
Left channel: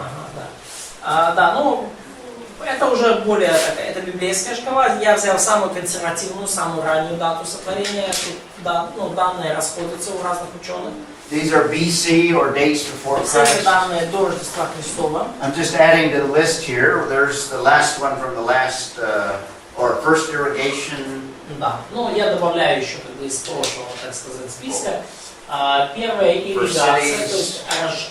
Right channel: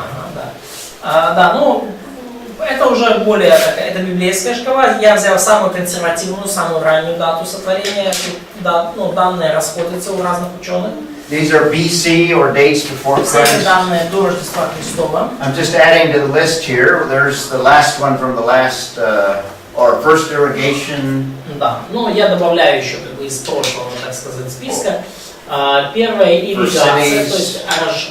Да, ну, это уже более, это библейская шкала. Я взял самую консервативную, самую раннюю дату сотворения. Да, ну, данные расходятся у разных ученых. These are BC or dates before Все эти Christ. данные до Рождества Христова. I'm just adding to the list here. There's the last one from the last, or first irrigation. Да, ну, я добавляю еще как бы из прошлого, так сказать, списка. Первая ирригация, то есть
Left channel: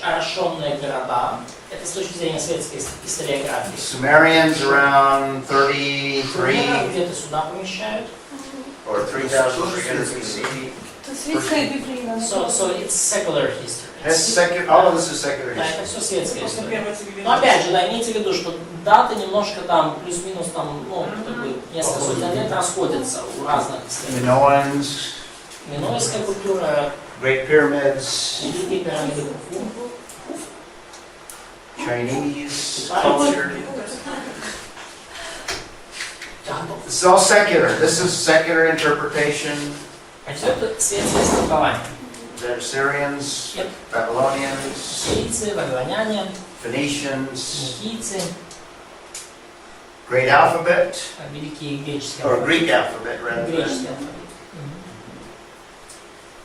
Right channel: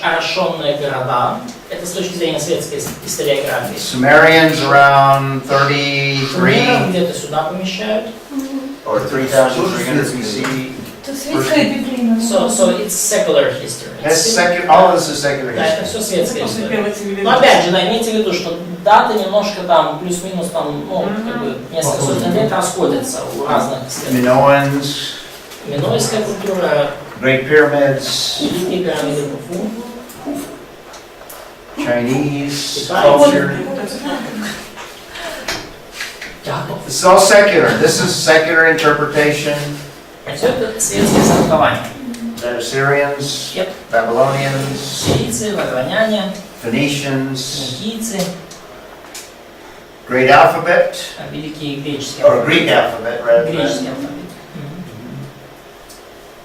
орошенные города. Это с точки зрения светской историографии. Sumerians around 33 Где-то сюда помещают. or 3,300 BC. Это светская библейная. So it's secular history. All of this is secular Да, это history. все светская история. Но опять же, да, имейте в виду, что даты немножко там плюс-минус там, ну, как бы несколько сотен лет расходятся у разных исследователей. Minoans, Минойская культура, Great Pyramids, Великие пирамиды Куфу. Chinese culture. Да, This is all secular. This is secular interpretation. все это светское истолкование. The Assyrians, Yep. Babylonians, Сирийцы, вавилоняне, Phoenicians, финикийцы, Great Alphabet, великие греческие or алфавит. Greek alphabet rather Греческий than, алфавит.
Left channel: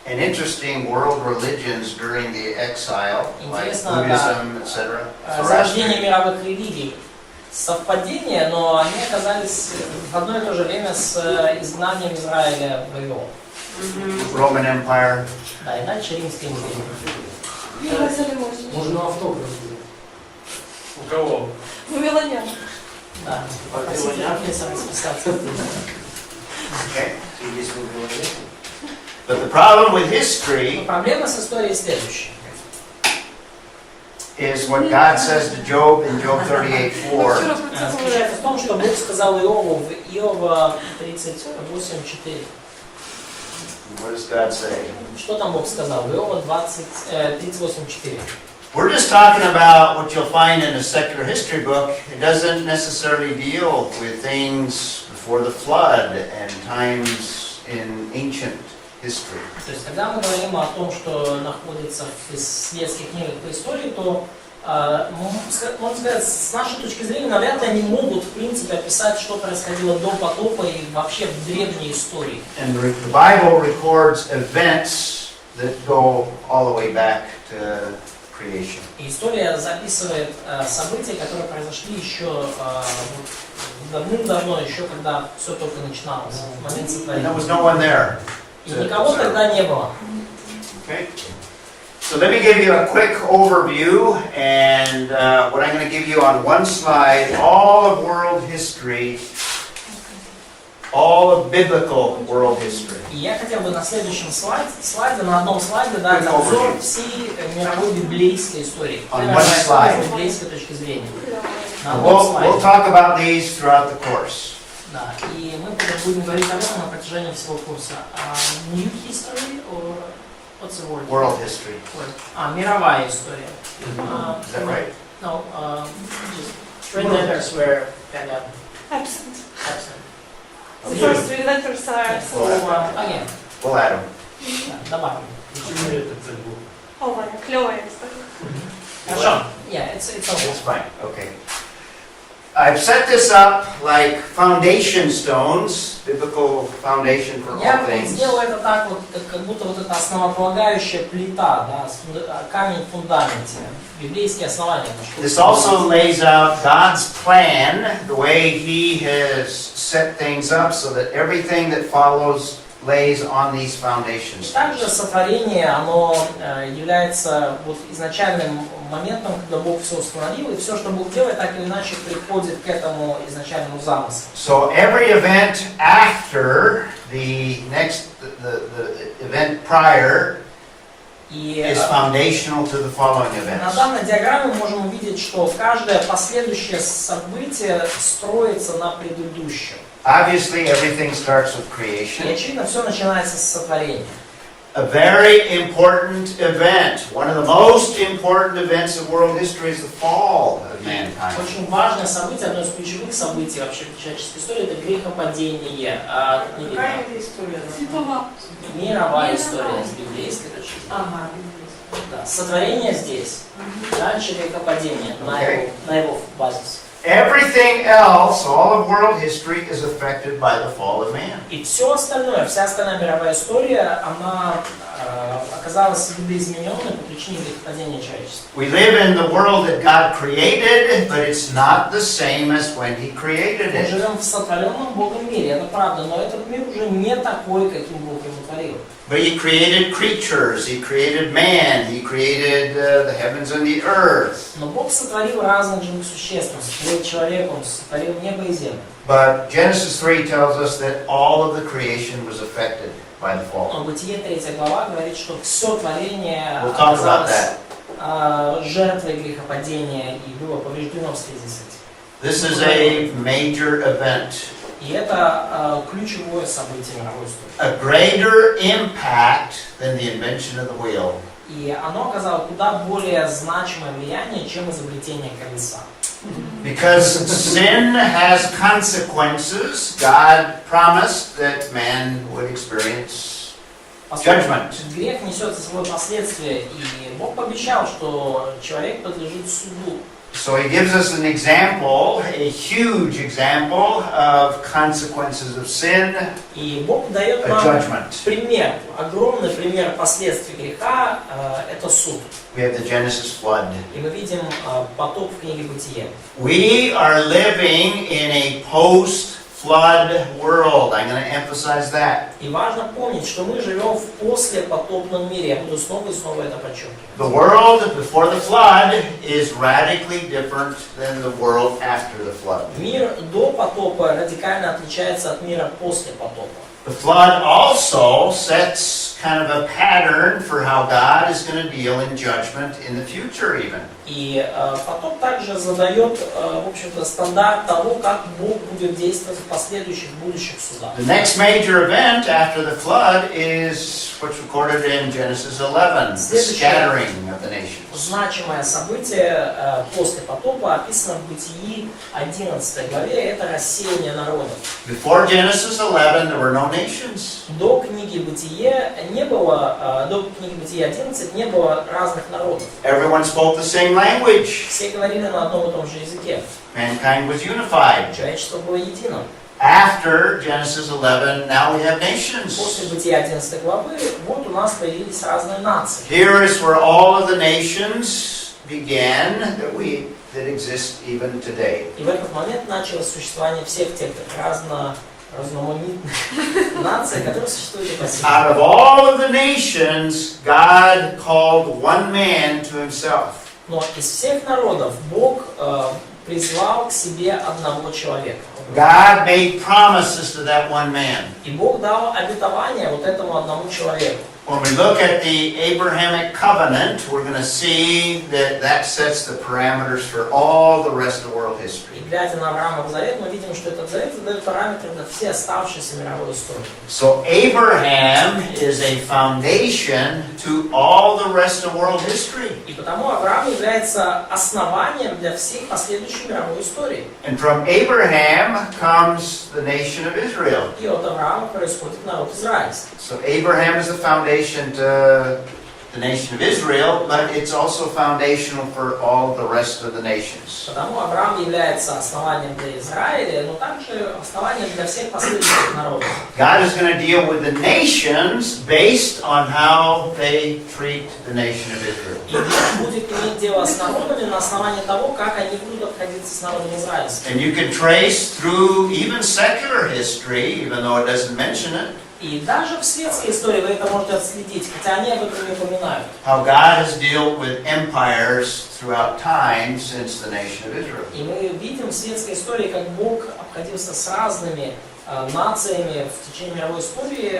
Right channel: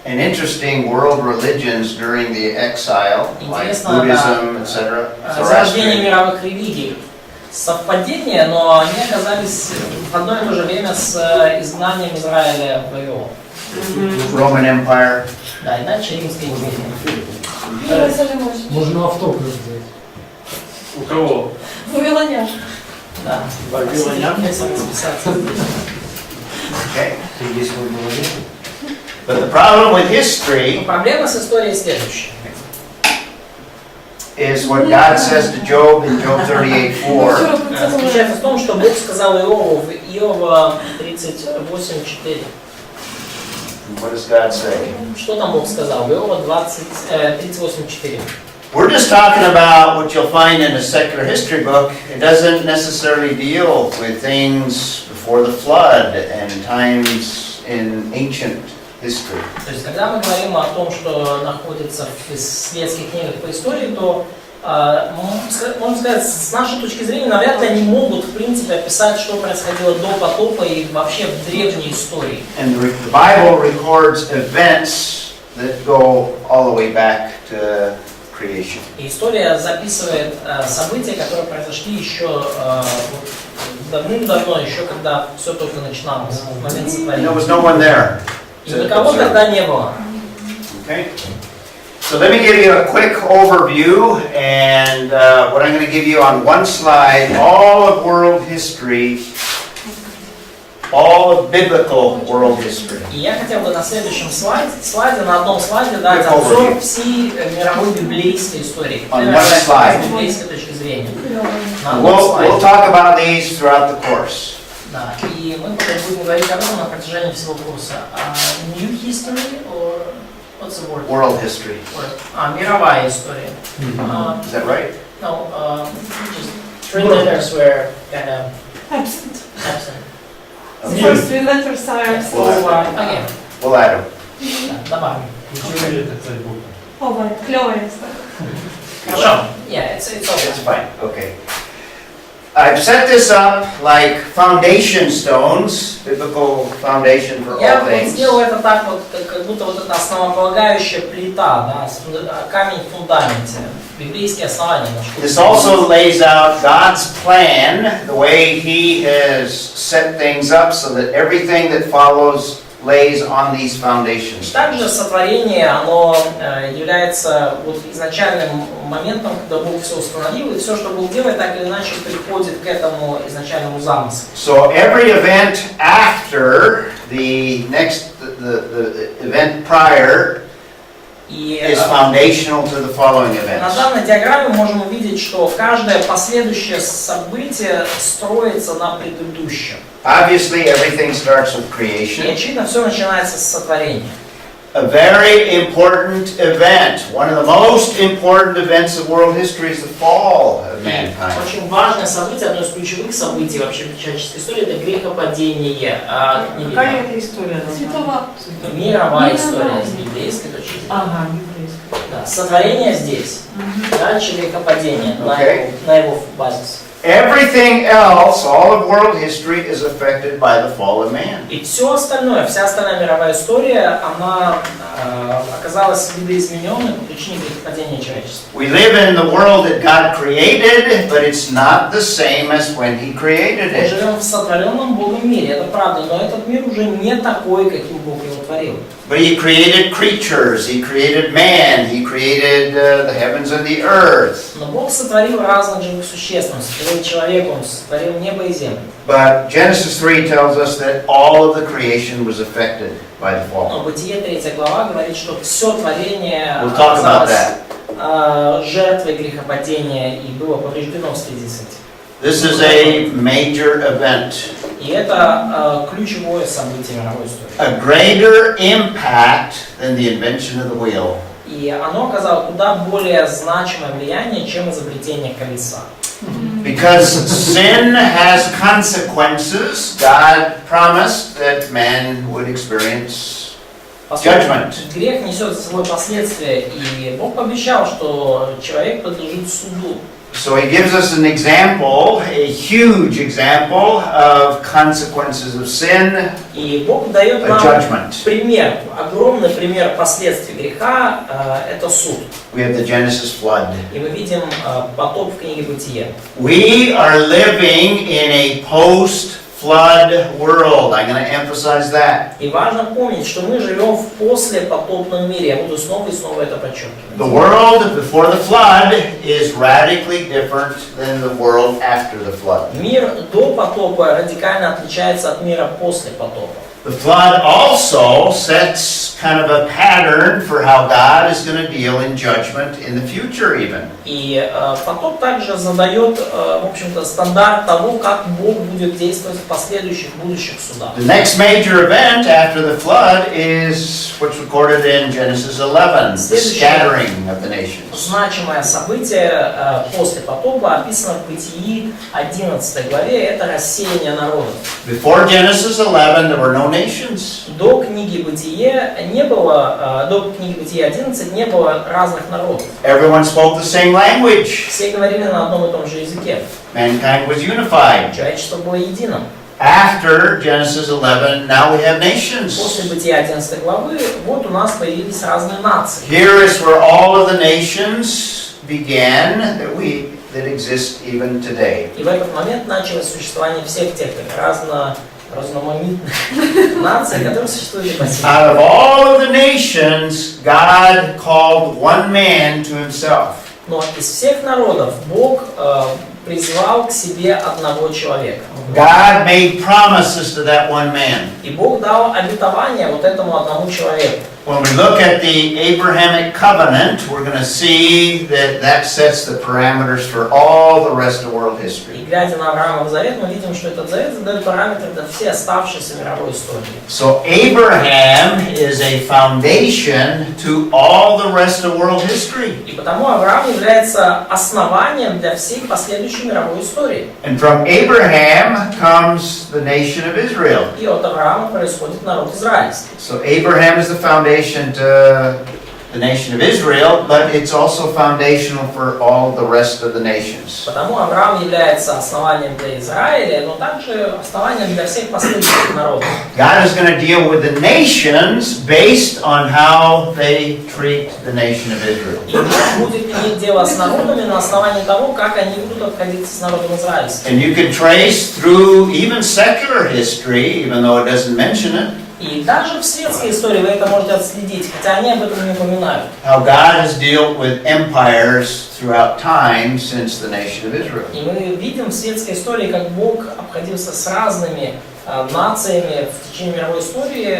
and interesting world religions during the exile, like Интересно, Buddhism, etc. Зарождение Zoroastrian. мировых религий. Совпадение, но они оказались в одно и то же время с изгнанием Израиля в Вавилон. Roman Empire. Да, и дальше Римская империя. Иерусалим. Можно автограф сделать. У кого? Вавилонян. Да, вавилонянка самосписаться. Okay. But the problem with history Проблема с историей следующая. is what God says to Job in Job 38:4. Заключается в том, что Бог сказал Иову в Иова 38:4. What does God say? Что там Бог сказал? В Иова 38:4. We're just talking about what you'll find in a secular history book. It doesn't necessarily deal with things before the flood and times in ancient history. То есть, когда мы говорим о том, что находится в светских книгах по истории, то, можно сказать, с нашей точки зрения, навряд ли они могут, в принципе, описать, что происходило до потопа и вообще в древней истории. And the Bible records events that go all the way back to creation. И история записывает события, которые произошли еще давным-давно, еще когда все только начиналось, в момент And сотворения. there was no one there И to никого observe. тогда не было. Okay? So let me give you a quick overview, and what I'm going to give you on one slide, all of world history, all of biblical world history. И я хотел бы на следующем слайде, на одном слайде дать обзор всей мировой библейской истории. On one slide. С библейской точки зрения. На And одном we'll слайде. talk about these throughout the course. Да, и мы будем говорить об этом на протяжении всего курса. New history or What's the word? World history. Мировая история. Is that right? No, just 3 letters were kind of Absent. absent. The first 3 letters are absent. So, again, We'll add them. да, добавим. Ова, кльовая історія. Хорошо. Yeah, it's okay. It's fine, okay. I've set this up like foundation stones, biblical foundation for Я all вот things. сделал это так вот, как будто вот это основополагающая плита, да, камень в фундаменте, библейские основания. This also lays out God's plan, the way He has set things up so that everything that follows lays on these foundations. Также сотворение, оно является вот изначальным моментом, когда Бог все установил, и все, что Бог делает, так или иначе приходит к этому изначальному замыслу. So every event after the event prior is foundational to the following На events. данной диаграмме мы можем увидеть, что каждое последующее событие строится на предыдущем. Obviously, everything starts with И creation. очевидно, все начинается с сотворения. A very important event, one of the most important events of world history is the fall of mankind. Очень важное событие, одно из ключевых событий вообще в человеческой истории, это грехопадение. Какая это история? Світова. Мировая история с библейской точки зрения. Ага, библейская. Да, сотворение здесь, дальше грехопадение Okay. на его базис. Everything else, all of world history, is affected by the fall of man. И все остальное, вся остальная мировая история, она оказалась видоизмененной по причине грехопадения человечества. We live in the world that God created, but it's not the same as when He created Мы it. живем в сотворенном Богом мире, это правда, но этот мир уже не такой, каким Бог его творил. But He created creatures, He created man, He created the heavens and the earth. Но Бог сотворил разных живых существ, Он сотворил человека, Он сотворил небо и землю. But Genesis 3 tells us that all of the creation was affected by the fall. Но Бытие 3 глава говорит, что все творение We'll talk about оказалось that. жертвой грехопадения и было повреждено в связи с этим. This is a major event. И это ключевое событие мировой истории. A greater impact than the invention of the wheel. И оно оказало куда более значимое влияние, чем изобретение колеса. Because sin has consequences, God promised that man would experience judgment. Грех несет за собой последствия, и Бог пообещал, что человек подлежит суду. So He gives us an example, a huge example of consequences of sin, И Бог дает a нам judgment. пример, огромный пример последствий греха, это суд. We have the Genesis flood. И мы видим потоп в книге Бытия. We are living in a post-flood world. I'm going to emphasize that. И важно помнить, что мы живем в послепотопном мире. Я буду снова и снова это подчеркивать. The world before the flood is radically different than the world after the flood. Мир до потопа радикально отличается от мира после потопа. The flood also sets kind of a pattern for how God is going to deal in judgment in the future even. И потоп также задает, в общем-то, стандарт того, как Бог будет действовать в последующих будущих судах. The next major event after the flood is what's recorded in Genesis 11, the scattering of the nations. Значимое событие после потопа описано в Бытии 11 главе, это рассеяние народов. Before Genesis 11, there were no nations. До книги Бытие не было, до книги Бытие 11 не было разных народов. Everyone spoke the same language. Все говорили на одном и том же языке. Mankind was unified. Человечество было единым. After Genesis 11, now we have nations. После Бытия 11 главы, вот у нас появились разные нации. Here is where all of the nations began that exist even today. И в этот момент началось существование всех тех разноманитных наций, которые существуют и по сей день. Out of all of the nations, God called one man to himself. Но из всех народов Бог призвал к себе одного человека. God made promises to that one man. И Бог дал обетование вот этому одному человеку. When we look at the Abrahamic covenant, we're going to see that that sets the parameters for all the rest of world history. И глядя на Авраамов завет, мы видим, что этот завет задает параметры для всей оставшейся мировой истории. So Abraham is a foundation to all the rest of world history. И потому Авраам является основанием для всей последующей мировой истории. And from Abraham comes the nation of Israel. И от Авраама происходит народ израильский. So Abraham is the foundation to the nation of Israel, but it's also foundational for all the rest of the nations. Потому Авраам является основанием для Израиля, но также основанием для всех последующих народов. God is going to deal with the nations based on how they treat the nation of Israel. И Бог будет иметь дело с народами на основании того, как они будут обходиться с народом израильским. And you can trace through even secular history, even though it doesn't mention it, И даже в светской истории вы это можете отследить, хотя они об этом не упоминают. how God has dealt with empires throughout time since the nation of Israel. И мы видим в светской истории, как Бог обходился с разными нациями в течение мировой истории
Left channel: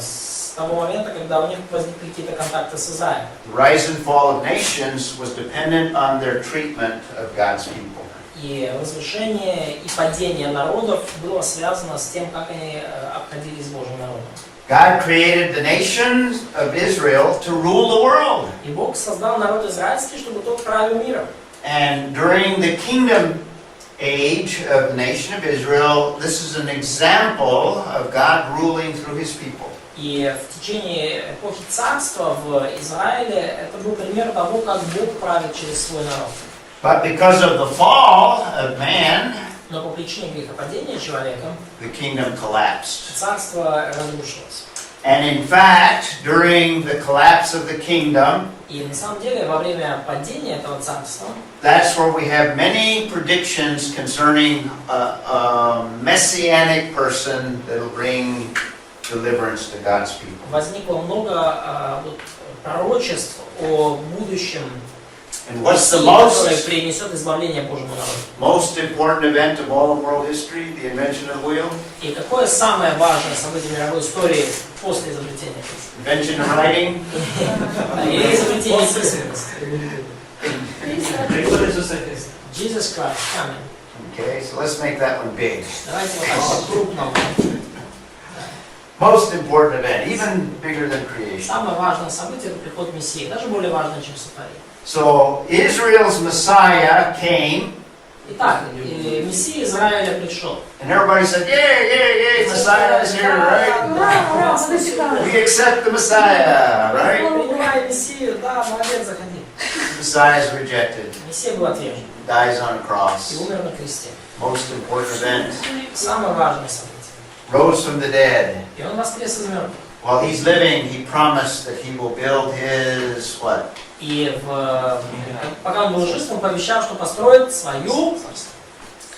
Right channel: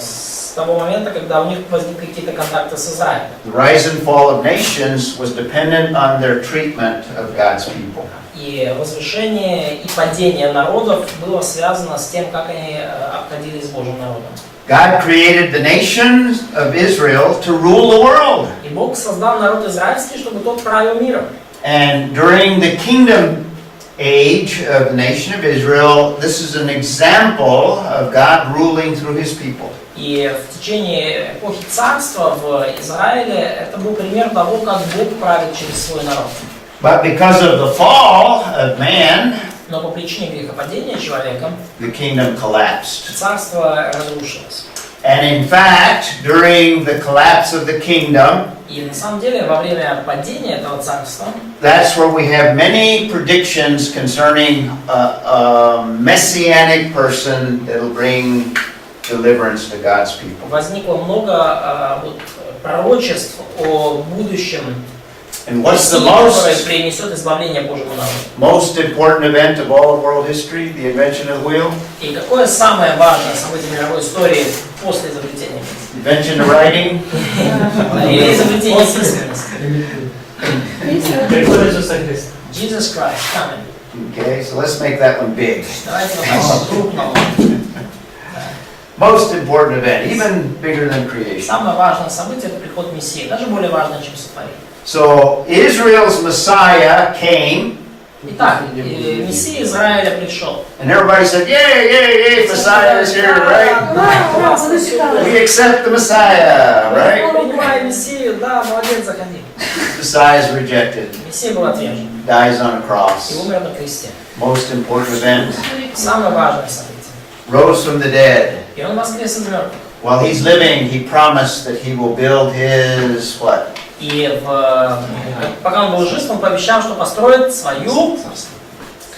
с того момента, когда у них возникли какие-то контакты с Израилем. The rise and fall of nations was dependent on their treatment of God's people. И возвышение и падение народов было связано с тем, как они обходились с Божьим народом. God created the nation of Israel to rule the world. И Бог создал народ израильский, чтобы тот правил миром. And during the kingdom age of the nation of Israel, this is an example of God ruling through His people. И в течение эпохи царства в Израиле это был пример того, как Бог правит через свой народ. But because of the fall of man, Но по причине грехопадения человека the kingdom collapsed. царство разрушилось. And in fact, during the collapse of the kingdom, И на самом деле во время падения этого царства that's where we have many predictions concerning a messianic person that will bring deliverance to God's people. возникло много пророчеств о будущем And what's the Мессии, который most принесет избавление Божьему народу. important event of all of world history? The invention of the wheel? И какое самое важное событие мировой истории после изобретения письменности? Invention of writing? Или изобретение письменности? Преподает Иисуса Христа. Jesus Christ coming. Okay, so let's make that one big. Давайте вот по-крупному. Most important event, even bigger than creation. Самое важное событие — это приход Мессии, даже более важное, чем сотворение. So Israel's Messiah came, Итак, Мессия Израиля пришел. and everybody said, "Yay, yay, yay! Messiah is here, right? We accept the Messiah, right?" Принимай Мессию, да, молодец, заходи. Messiah is rejected, Мессия был отвержен dies on a и cross. умер на кресте. Most important event. Самое важное событие. Rose from the dead. И он воскрес из мертвых. While he's living, he promised that he will build his what? И пока он был жив, он пообещал, что построит свою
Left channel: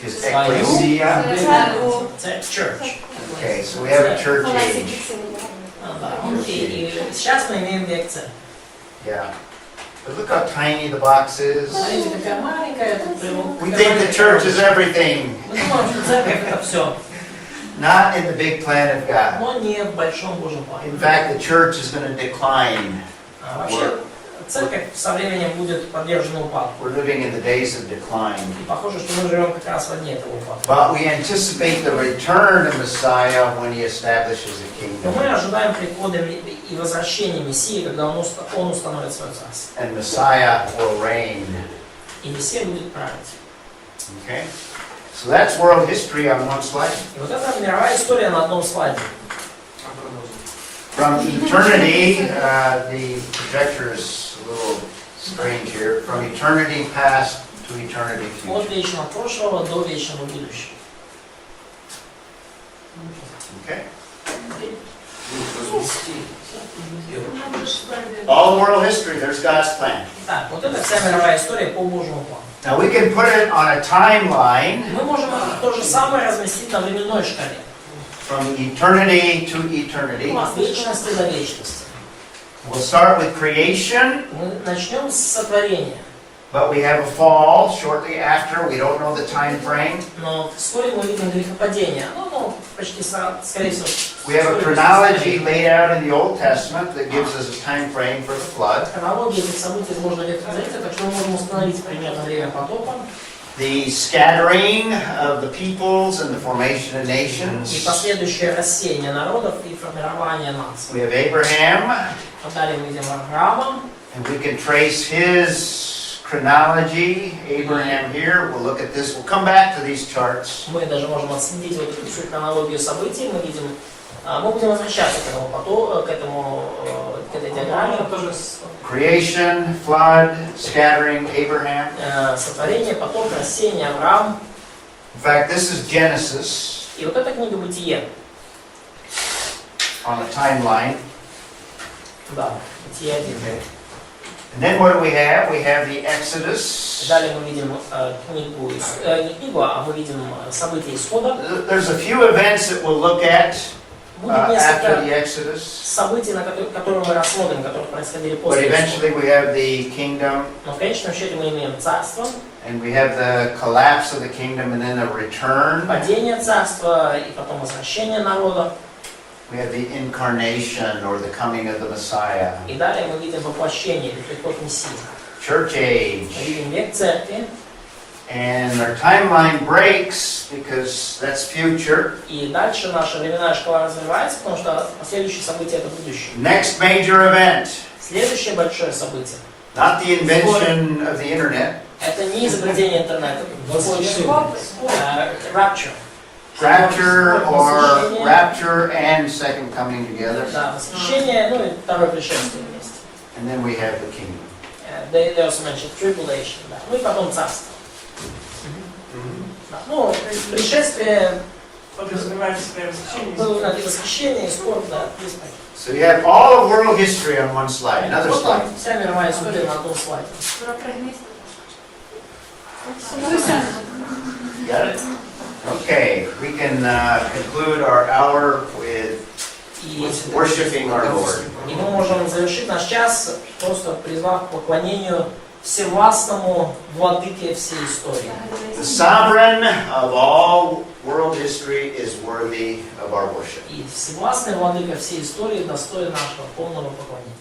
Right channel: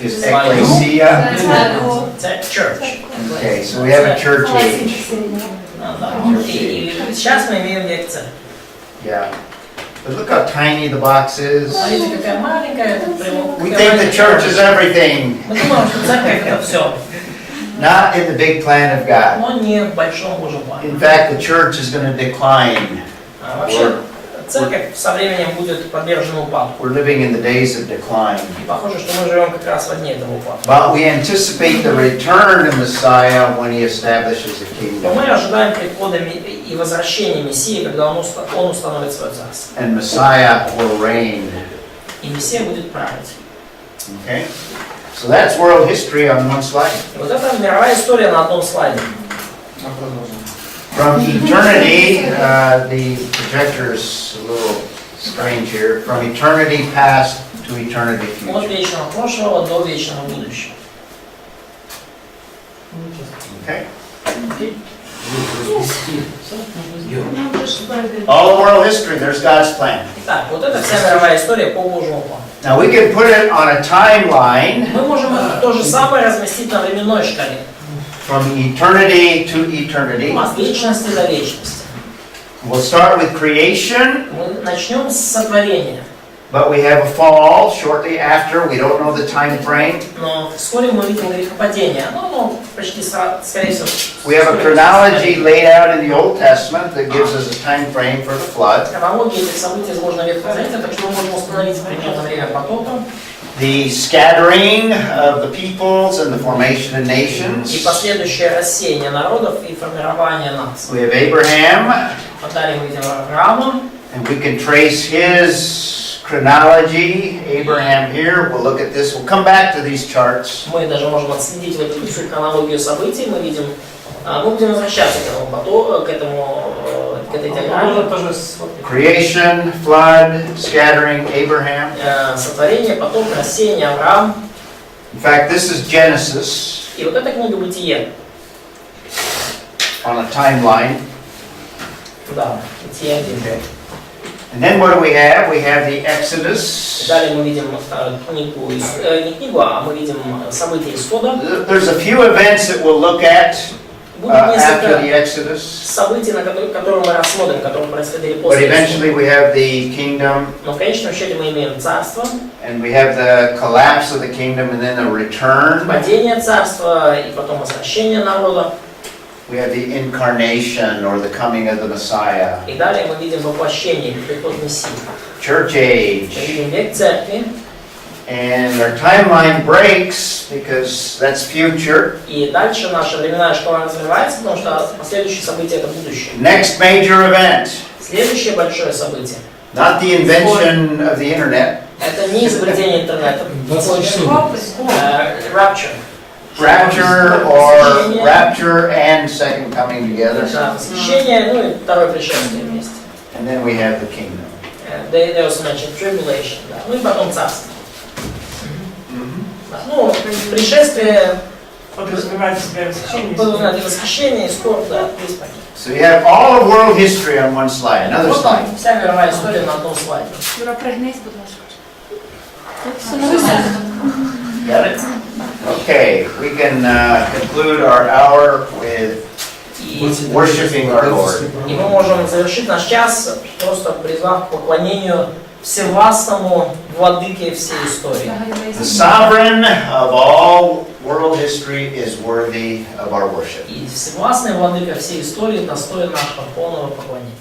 His ecclesia. church. Okay, so we have a church age. И сейчас мы имеем век церкви. Yeah. But look how tiny the box is. Смотрите, какая маленькая. We think the church is everything. Мы думаем, что церковь это все, Not in the big plan of God. но не в большом Божьем плане. In fact, the church is going to decline. Вообще, церковь со временем будет подвержена упадку. We're living in the days of decline. И похоже, что мы живем как раз во дне этого упадка. But we anticipate the return of Messiah when he establishes a Но kingdom. мы ожидаем прихода и возвращения Мессии, когда он установит свое царство. And Messiah will reign. И Мессия будет править. Okay? So that's world history on one slide. И вот это мировая история на одном слайде. From eternity, the projector is a little strange here. From eternity past to eternity От future. вечного прошлого до вечного будущего. Okay? All world history, there's God's plan. Итак, вот это вся мировая история по Божьему плану. Now we can put it on a timeline Мы можем то же самое разместить на временной шкале. from eternity to eternity. От вечности до вечности. We'll start with creation, Мы начнем с сотворения. But we have a fall shortly after. We don't know the time frame. Но вскоре мы видим грехопадение. Ну, почти скорее всего. We have a chronology laid out in the Old Testament that gives us a time frame for the flood. Хронология этих событий изложена в Ветхом Завете, так что мы можем установить примерно время потопа. The scattering of the peoples and the formation of И nations. последующее рассеяние народов и формирование наций. We have Abraham, Далее мы видим Авраама. and we can trace his chronology. Abraham here. We'll look at this. We'll come back to these charts. Мы даже можем отследить вот эту всю хронологию событий. Мы видим, мы будем возвращаться к этой диаграмме. Creation, flood, scattering, Abraham. Сотворение, потом рассеяние, Авраам. In fact, this is Genesis И вот эта книга Бытие. on a timeline. Да, Бытие 1. And then what do we have? We have the Exodus. Далее мы видим книгу, не книгу, а мы видим события Исхода. There's a few events that we'll look at Будет after the несколько Exodus. событий, которые мы рассмотрим, которые происходили But после eventually Исхода. we have the kingdom, Но в конечном счете мы имеем царство, and we have the collapse of the kingdom, and then a return. падение царства и потом возвращение народа. We have the incarnation, or the coming of the Messiah. И далее мы видим воплощение, или приход Мессии. Church age. Мы видим век церкви. And our timeline breaks because that's future. И дальше наша временная шкала развивается, потому что последующие события это будущее. Next major event. Следующее большое событие. Not the invention of the internet. Это не изобретение интернета. Rapture. Rapture or rapture and second coming together. Да, восхищение, ну и второе пришествие вместе. And then we have the kingdom. They also mentioned tribulation. Да. Ну и потом царство. Да. Ну, пришествие, Подразумевает в себя восхищение. и восхищение, и скорбь, да, весь пакет. So you have all of world history on one slide. Another Вот slide. вся мировая история на одном слайде. Got it? Okay, we can conclude our hour with worshiping our Lord. И мы можем завершить наш час, просто призвав к поклонению всевластному владыке всей истории. The sovereign of all world history is worthy of our worship. И всевластный владыка всей истории достоин нашего полного поклонения.